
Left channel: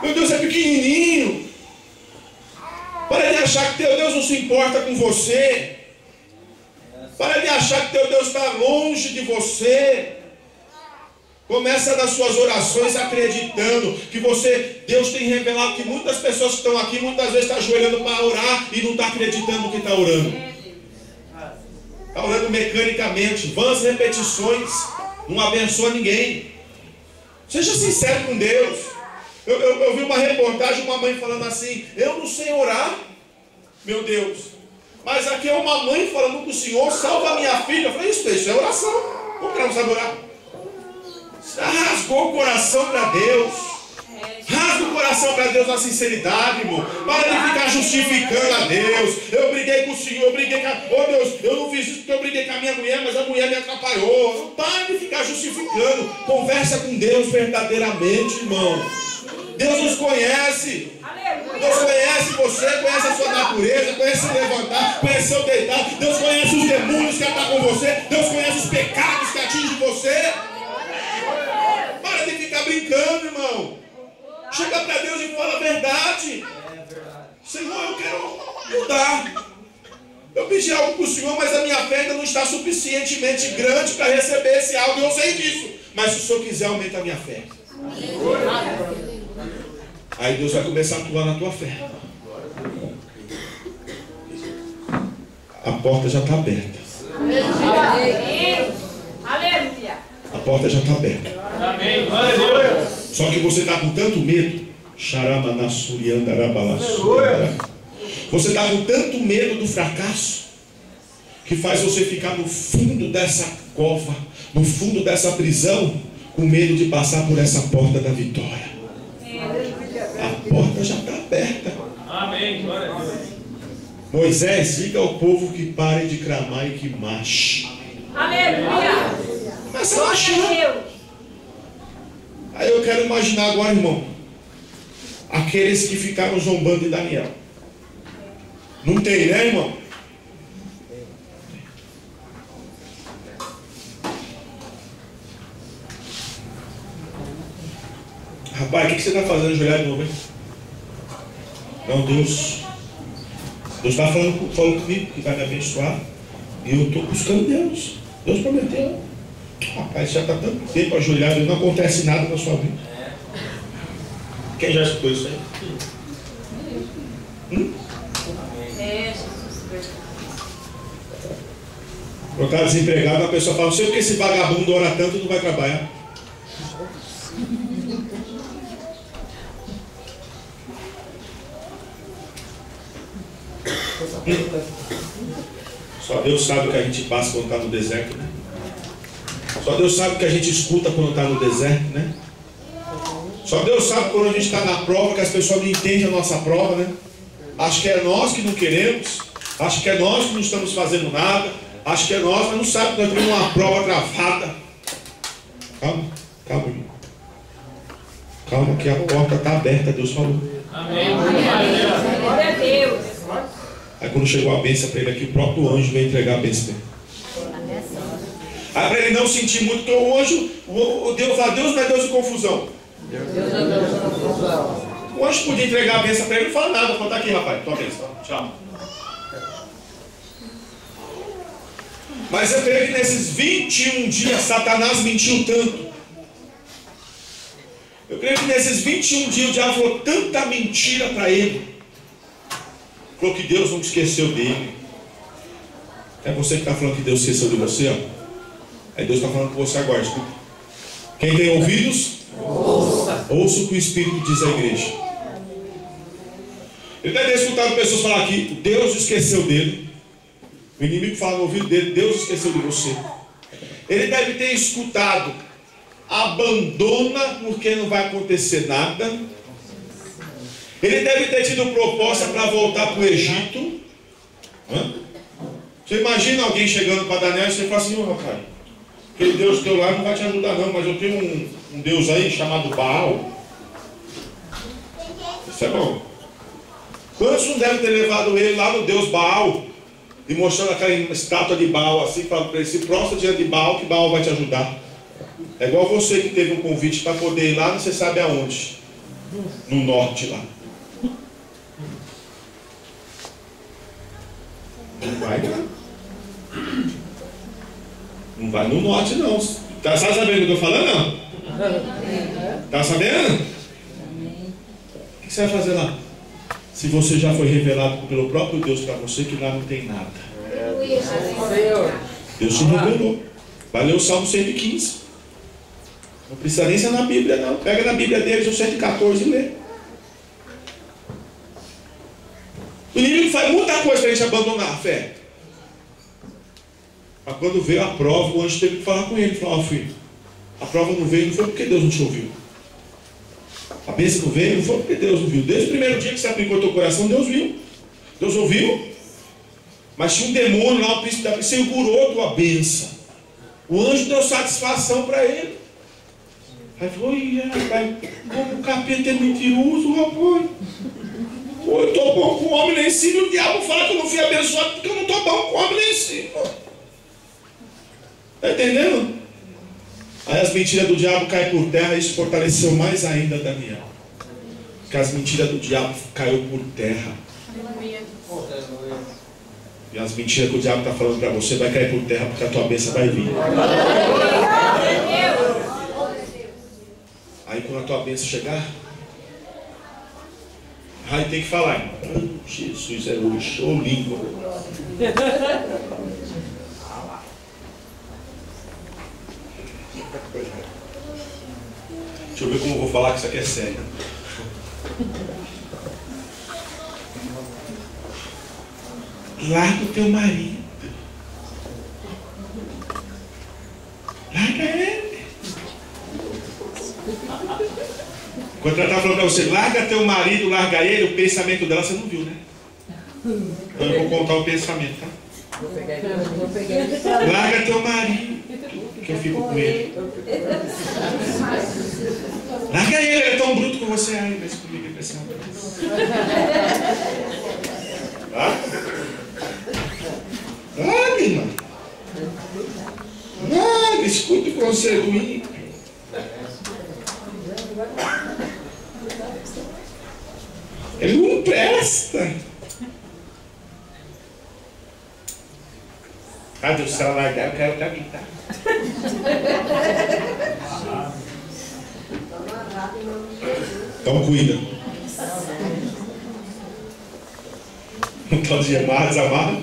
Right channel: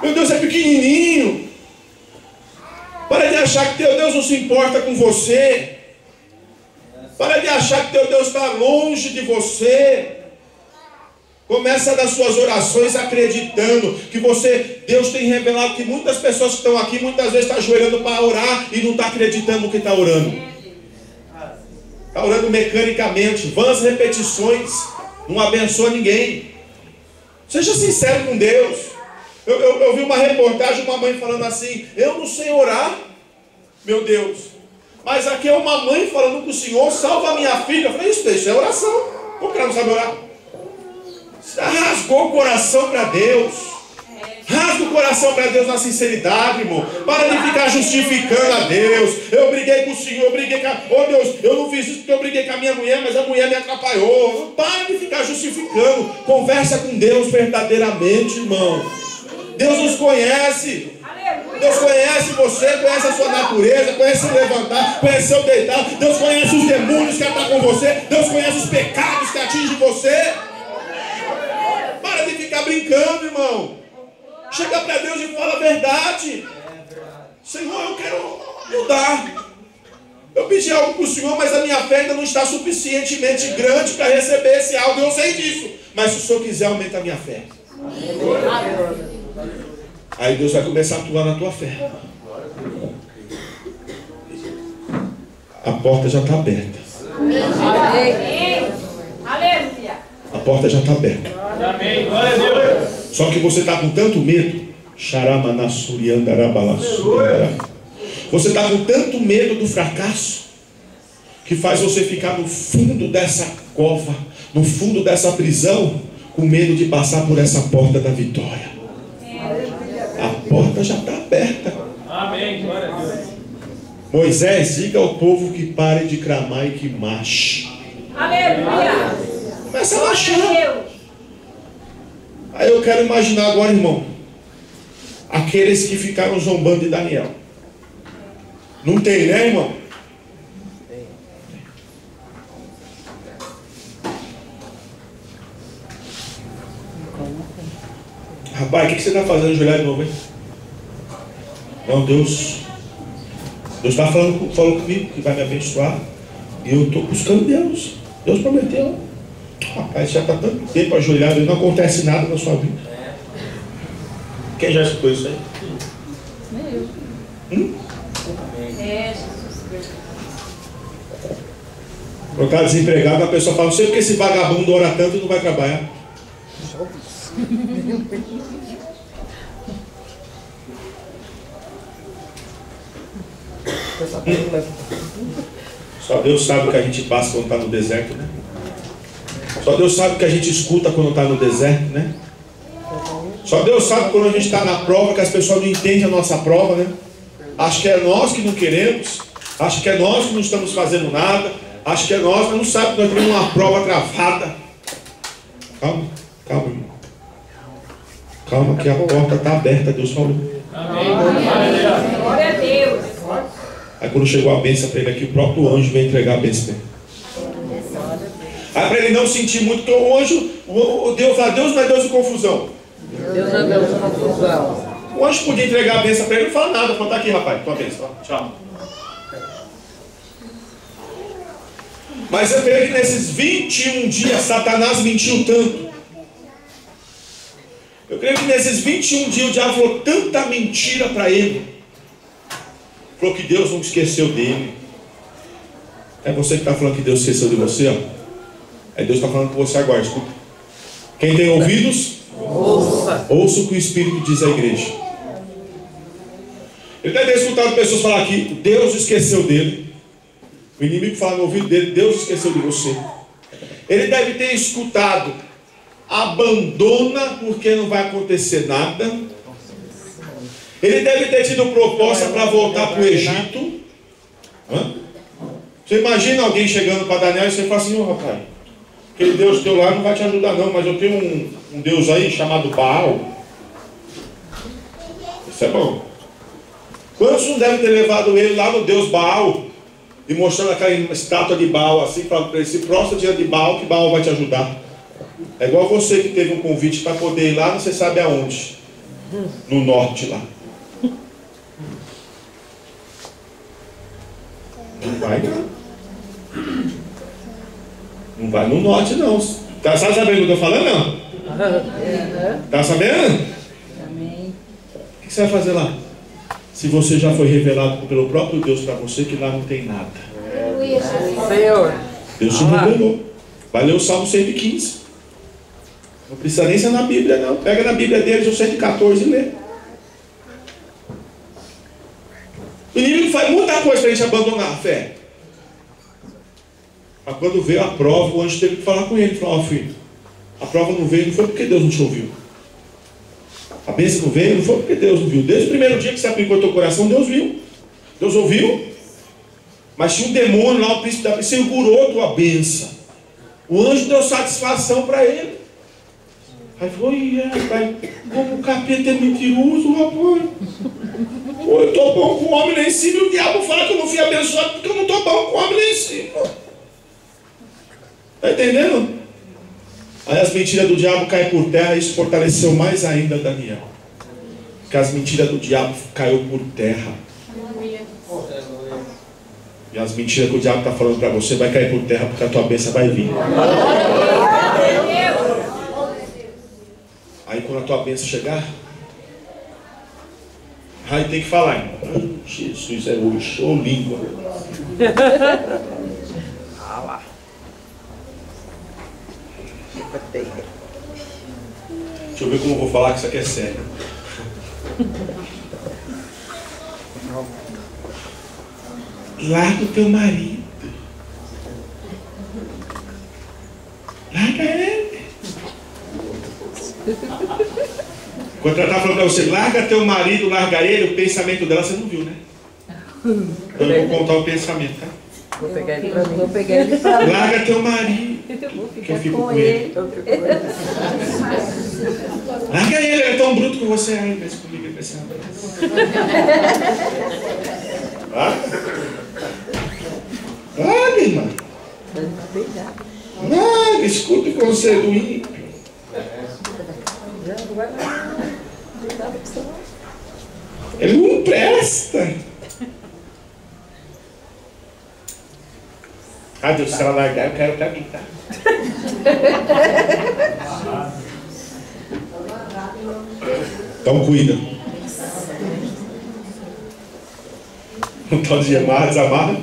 Meu Deus é pequenininho. Para de achar que teu Deus não se importa com você. Para de achar que teu Deus está longe de você. Começa das suas orações acreditando que Deus tem revelado que muitas pessoas que estão aqui muitas vezes estão ajoelhando para orar e não estão acreditando no que está orando. Está orando mecanicamente, vãs repetições, não abençoa ninguém. Seja sincero com Deus. Eu vi uma reportagem, uma mãe falando assim: eu não sei orar, meu Deus, mas aqui é uma mãe falando com o Senhor, salva a minha filha. Eu falei, isso é oração. Como que ela não sabe orar? Você rasgou o coração para Deus. Rasga o coração para Deus na sinceridade, irmão. Para de ficar justificando a Deus. Eu briguei com o Senhor, eu briguei com oh Deus, eu não fiz isso porque eu briguei com a minha mulher, mas a mulher me atrapalhou. Não para de ficar justificando. Conversa com Deus verdadeiramente, irmão. Deus nos conhece. Deus conhece você, conhece a sua natureza, conhece o levantar, conhece o deitar. Deus conhece os demônios que estão com você. Deus conhece os pecados que atingem você. Para de ficar brincando, irmão. Chega para Deus e fala a verdade. Senhor, eu quero mudar. Eu pedi algo para o Senhor, mas a minha fé ainda não está suficientemente grande para receber esse algo. Eu sei disso. Mas se o Senhor quiser, aumenta a minha fé. Aí Deus vai começar a atuar na tua fé. A porta já está aberta. Aleluia. A porta já está aberta. Amém. Glória a Deus. Só que você está com tanto medo. Você está com tanto medo do fracasso que faz você ficar no fundo dessa cova, no fundo dessa prisão, com medo de passar por essa porta da vitória. A porta já está aberta. Amém. Glória a Deus. Moisés, diga ao povo que pare de clamar e que marche. Aleluia. Começa a marchar. Aí eu quero imaginar agora, irmão, aqueles que ficaram zombando de Daniel. Não tem, né, irmão? Rapaz, o que você está fazendo ajoelhar de novo, hein? Não, Deus está falando comigo que vai me abençoar. E eu estou buscando Deus. Deus prometeu. Rapaz, já está tanto tempo ajoelhado e não acontece nada na sua vida. Quem já escutou isso aí? Quando está desempregado, a pessoa fala: não sei porque esse vagabundo ora tanto e não vai trabalhar. Só Deus sabe o que a gente passa quando está no deserto, né? Só Deus sabe o que a gente escuta quando está no deserto, né? Só Deus sabe quando a gente está na prova, que as pessoas não entendem a nossa prova, né? Acha que é nós que não queremos, acha que é nós que não estamos fazendo nada, acha que é nós, mas não sabe que nós temos uma prova travada. Calma, calma, irmão. Calma que a porta está aberta, Deus falou. Amém. Glória a Deus. Aí quando chegou a bênção para ele aqui, o próprio anjo veio entregar a bênção para ele. Aí para ele não sentir muito, porque o anjo, Deus lá, Deus não é Deus de confusão. Deus é Deus de confusão. O anjo podia entregar a bênção para ele, não fala nada, fala, tá aqui, rapaz, tua bênção, tchau. Mas eu creio que nesses 21 dias Satanás mentiu tanto. Eu creio que nesses 21 dias o diabo falou tanta mentira para ele. Falou que Deus não esqueceu dele. É você que está falando que Deus esqueceu de você, ó. Aí Deus está falando com você agora, escuta. Quem tem ouvidos, ouça o que o Espírito diz à igreja. Ele deve ter escutado pessoas falar que Deus esqueceu dele. O inimigo fala no ouvido dele, Deus esqueceu de você. Ele deve ter escutado, abandona porque não vai acontecer nada. Ele deve ter tido proposta para voltar para o Egito. Você imagina alguém chegando para Daniel e você fala assim, rapaz, aquele Deus teu lá não vai te ajudar não, mas eu tenho um Deus aí chamado Baal. Isso é bom. Quantos não devem ter levado ele lá no Deus Baal e mostrando aquela estátua de Baal assim, falando para ele, se prostra diante de Baal que Baal vai te ajudar. É igual você que teve um convite para poder ir lá, não você sabe aonde. No norte lá. Não vai não. Não vai no norte não. Tá sabendo o que eu estou falando não? Tá sabendo? O que você vai fazer lá? Se você já foi revelado pelo próprio Deus para você que lá não tem nada. Senhor. Deus te revelou. Vai ler o Salmo 115. Não precisa nem ser na Bíblia não. Pega na Bíblia deles o 114 e lê. O inimigo faz muita coisa para a gente abandonar a fé. Mas quando veio a prova, o anjo teve que falar com ele. Falou, filho, a prova não veio, não foi porque Deus não te ouviu. A bênção não veio, não foi porque Deus não viu. Desde o primeiro dia que você aplicou teu coração, Deus viu. Deus ouviu. Mas tinha um demônio lá, o príncipe da bênção, segurou tua bênção. O anjo deu satisfação para ele. Aí falou, rapaz, como o capeta é mentiroso, rapaz. Eu estou bom com o homem lá em cima e o diabo fala que eu não fui abençoado porque eu não estou bom com o homem lá em cima. Está entendendo? Aí as mentiras do diabo caem por terra e isso fortaleceu mais ainda Daniel. Porque as mentiras do diabo caiu por terra. E as mentiras que o diabo está falando para você vai cair por terra porque a tua bênção vai vir. Aí quando a tua bênção chegar, aí tem que falar, irmão. Jesus é hoje, ô língua. Deixa eu ver como eu vou falar que isso aqui é sério. Larga o teu marido. Larga ele. Quando ela está falando para você, larga teu marido, larga ele, o pensamento dela você não viu, né? Então eu vou contar o pensamento, tá? Vou pegar ele pra mim. Larga teu marido, que eu fico com ele. Larga ele, ele é tão bruto com você. Ai, mas comigo ele vai ser uma larga, irmão. Larga, escuta o conselho do ímpio. Ele não presta. Ah, Deus, se ela largar, eu quero pra mim, tá? Então cuida. Não tá de amar, desamar.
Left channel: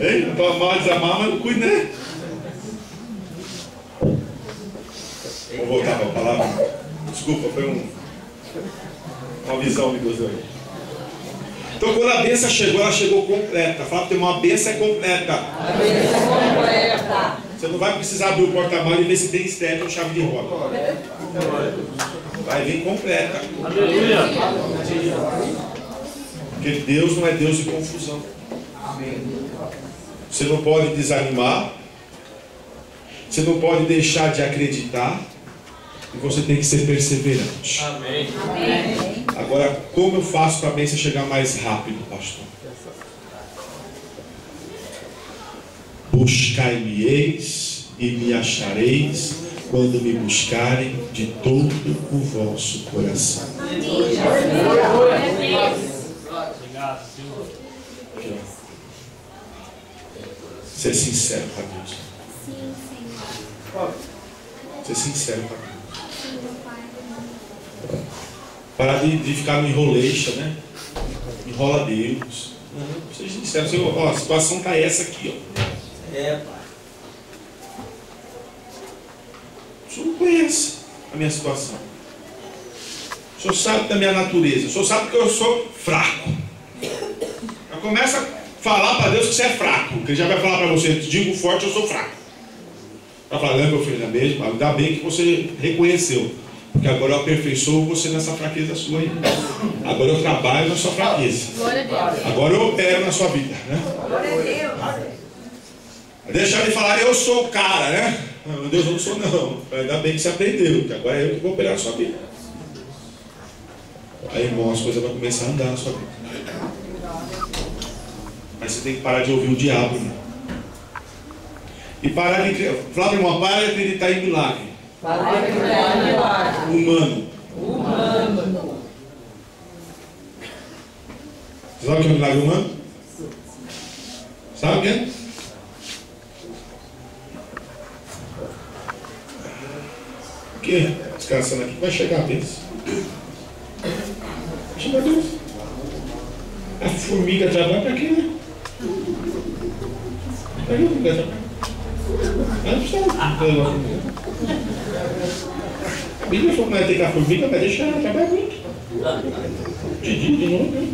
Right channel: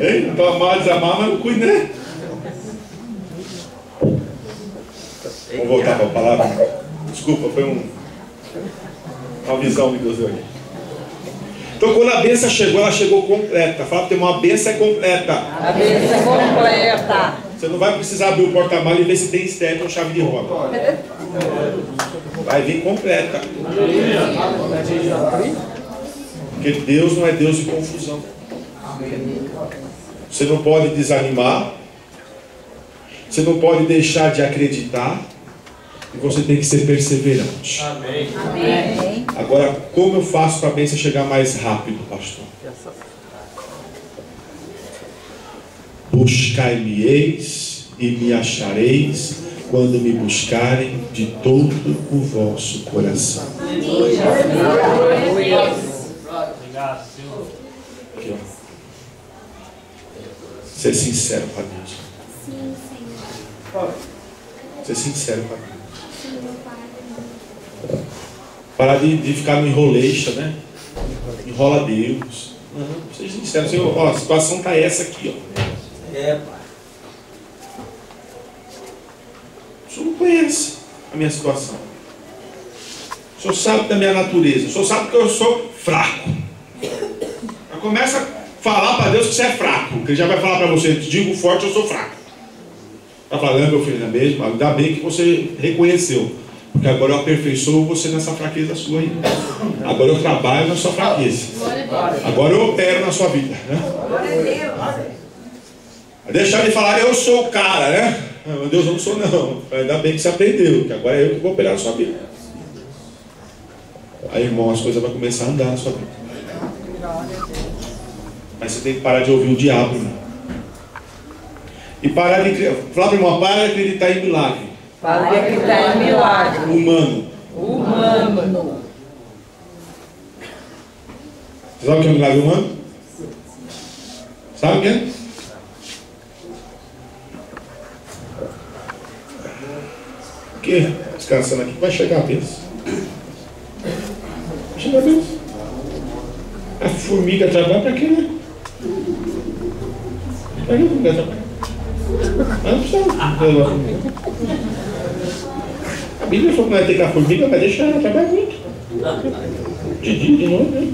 Ei, não tá amar, desamar, mas não cuida, né? Vamos voltar para a palavra. Desculpa, foi uma visão de Deus aí. Então quando a bênção chegou, ela chegou completa. Fala que tem uma bênção completa. A bênção é completa. Você não vai precisar abrir o porta-malas e ver se tem estéreo ou chave de roda. Vai vir completa. Porque Deus não é Deus de confusão. Você não pode desanimar. Você não pode deixar de acreditar. E você tem que ser perseverante. Amém. Agora, como eu faço para a bênção chegar mais rápido, pastor? Buscai-me-eis e me achareis quando me buscarem de todo o vosso coração. Obrigado, Senhor. Aqui, ó. Ser sincero para Deus. Sim, Senhor. Ser sincero para Deus. Sim, Pai. Parar de ficar no enroleixa, né? Enrola Deus. Não, seja sincero, Senhor. Ó, a situação está essa aqui, ó. Pai. O Senhor não conhece a minha situação. O Senhor sabe da minha natureza. O Senhor sabe que eu sou fraco. Mas começa a falar para Deus que você é fraco. Que Ele já vai falar para você: digo forte, eu sou fraco. Está falando, meu filho, não é mesmo? Ainda bem que você reconheceu. Porque agora eu aperfeiçoo você nessa fraqueza sua aí. Agora eu trabalho na sua fraqueza. Agora eu opero na sua vida, né? Deixar de falar, eu sou o cara, né? Meu Deus, eu não sou não. Ainda bem que você aprendeu, que agora é eu que vou operar na sua vida. Aí, irmão, as coisas vão começar a andar na sua vida. Mas você tem que parar de ouvir o diabo, irmão. E parar de... Falar para o irmão, para de acreditar em milagre. Para de acreditar em milagre. Humano. Você sabe o que é um milagre humano? Sabe o que é? Porque descansando aqui vai chegar a Deus. Vai chegar a Deus. A formiga trabalha para quê, né? Para que a formiga trabalha? Mas não precisa. A Bíblia falou que não vai ter que a formiga, vai deixar ela trabalhar muito. De dia, de novo, né?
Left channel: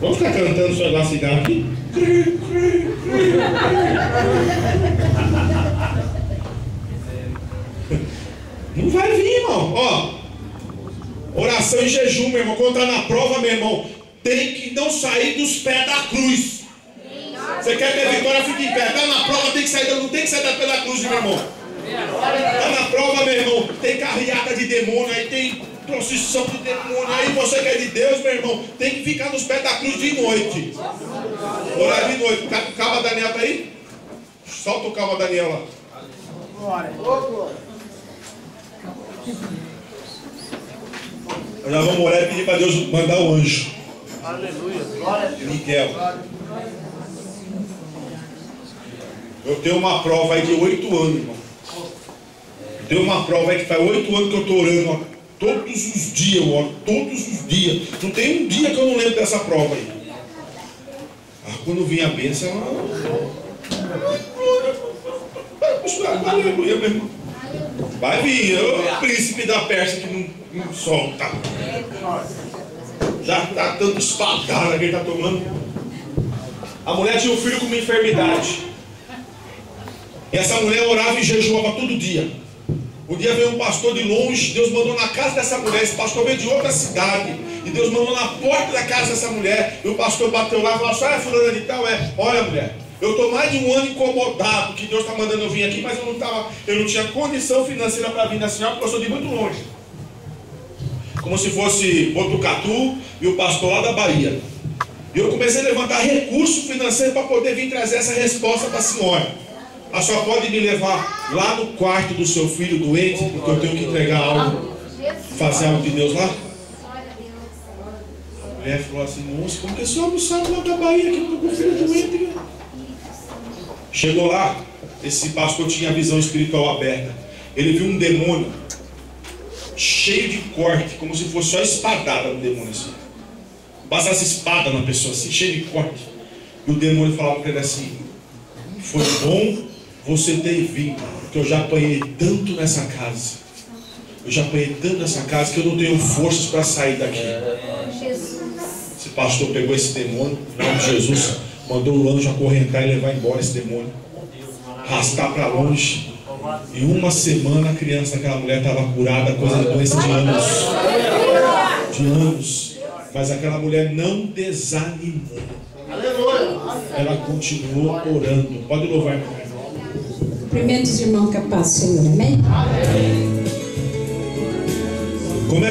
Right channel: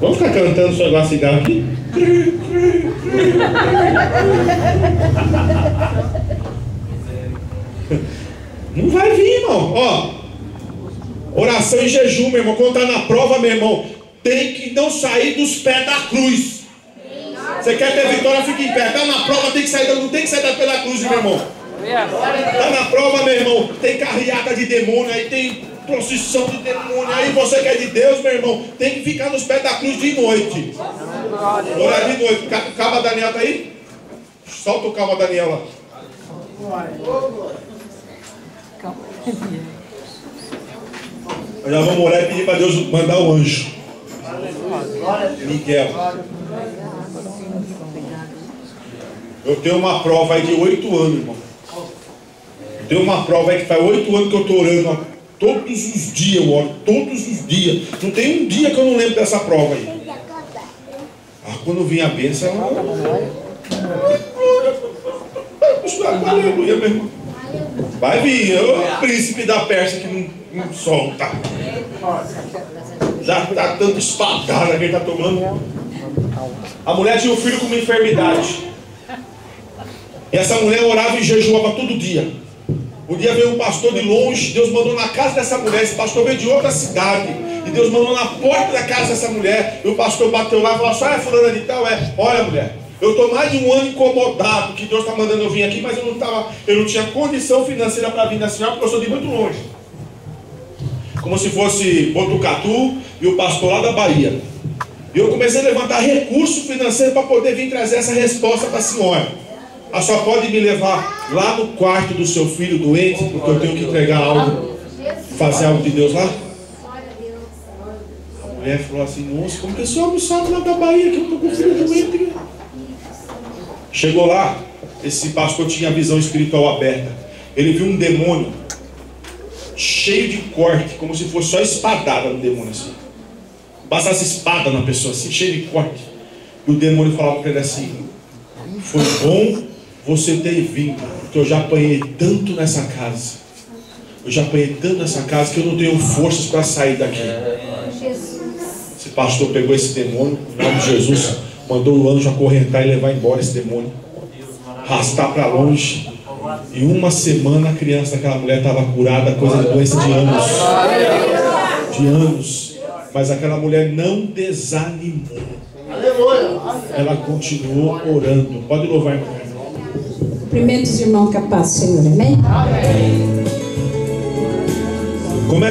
Vamos ficar cantando só igual cigarro aqui? Não vai vir, irmão. Ó, oração e jejum, meu irmão. Quando está na prova, meu irmão, tem que não sair dos pés da cruz. Você quer ter vitória, fica em pé. Está na prova, tem que sair, não tem que sair da pé da cruz, meu irmão. Está na prova, meu irmão, tem carreata de demônio, aí tem procissão de demônio. Aí você que é de Deus, meu irmão, tem que ficar nos pés da cruz de noite. Orar de noite. O cabo Daniel está aí? Solta o cabo Daniel lá. Nós vamos orar e pedir para Deus mandar o anjo. Miguel. Eu tenho uma prova aí de 8 anos, irmão. Eu tenho uma prova aí que faz 8 anos que eu estou orando. Ó. Todos os dias eu oro, todos os dias. Não tem um dia que eu não lembro dessa prova aí. Quando vinha a bênção, aleluia, meu irmão. Vai vir, o príncipe da Pérsia que não solta. Já está dando espadada que ele está tomando. A mulher tinha um filho com uma enfermidade. E essa mulher orava e jejuava todo dia. Um dia veio um pastor de longe, Deus mandou na casa dessa mulher. Esse pastor veio de outra cidade. E Deus mandou na porta da casa dessa mulher. E o pastor bateu lá e falou: só é fulana de tal? Olha, mulher, eu estou mais de um ano incomodado, que Deus está mandando eu vir aqui, mas eu não tinha condição financeira para vir na senhora, porque eu sou de muito longe. Como se fosse Botucatu e o pastor lá da Bahia. E eu comecei a levantar recurso financeiro para poder vir trazer essa resposta para a senhora. A senhora pode me levar lá no quarto do seu filho doente, porque eu tenho que entregar algo, fazer algo de Deus lá? A mulher falou assim: moço, como que a senhora não sabe lá da Bahia que eu estou com o filho doente? Chegou lá, esse pastor tinha a visão espiritual aberta. Ele viu um demônio cheio de corte, como se fosse só espadada no demônio assim. Bastasse espada na pessoa assim, cheio de corte. E o demônio falava para ele assim: foi bom você ter vindo, porque eu já apanhei tanto nessa casa. Eu já apanhei tanto nessa casa que eu não tenho forças para sair daqui. Esse pastor pegou esse demônio, em nome de Jesus, mandou o anjo acorrentar e levar embora esse demônio, arrastar para longe. E uma semana a criança daquela mulher estava curada, coisa de doença de anos. De anos. Mas aquela mulher não desanimou. Ela continuou orando. Pode louvar, irmão. Cumprimentos, irmão, capaz, Senhor. Amém?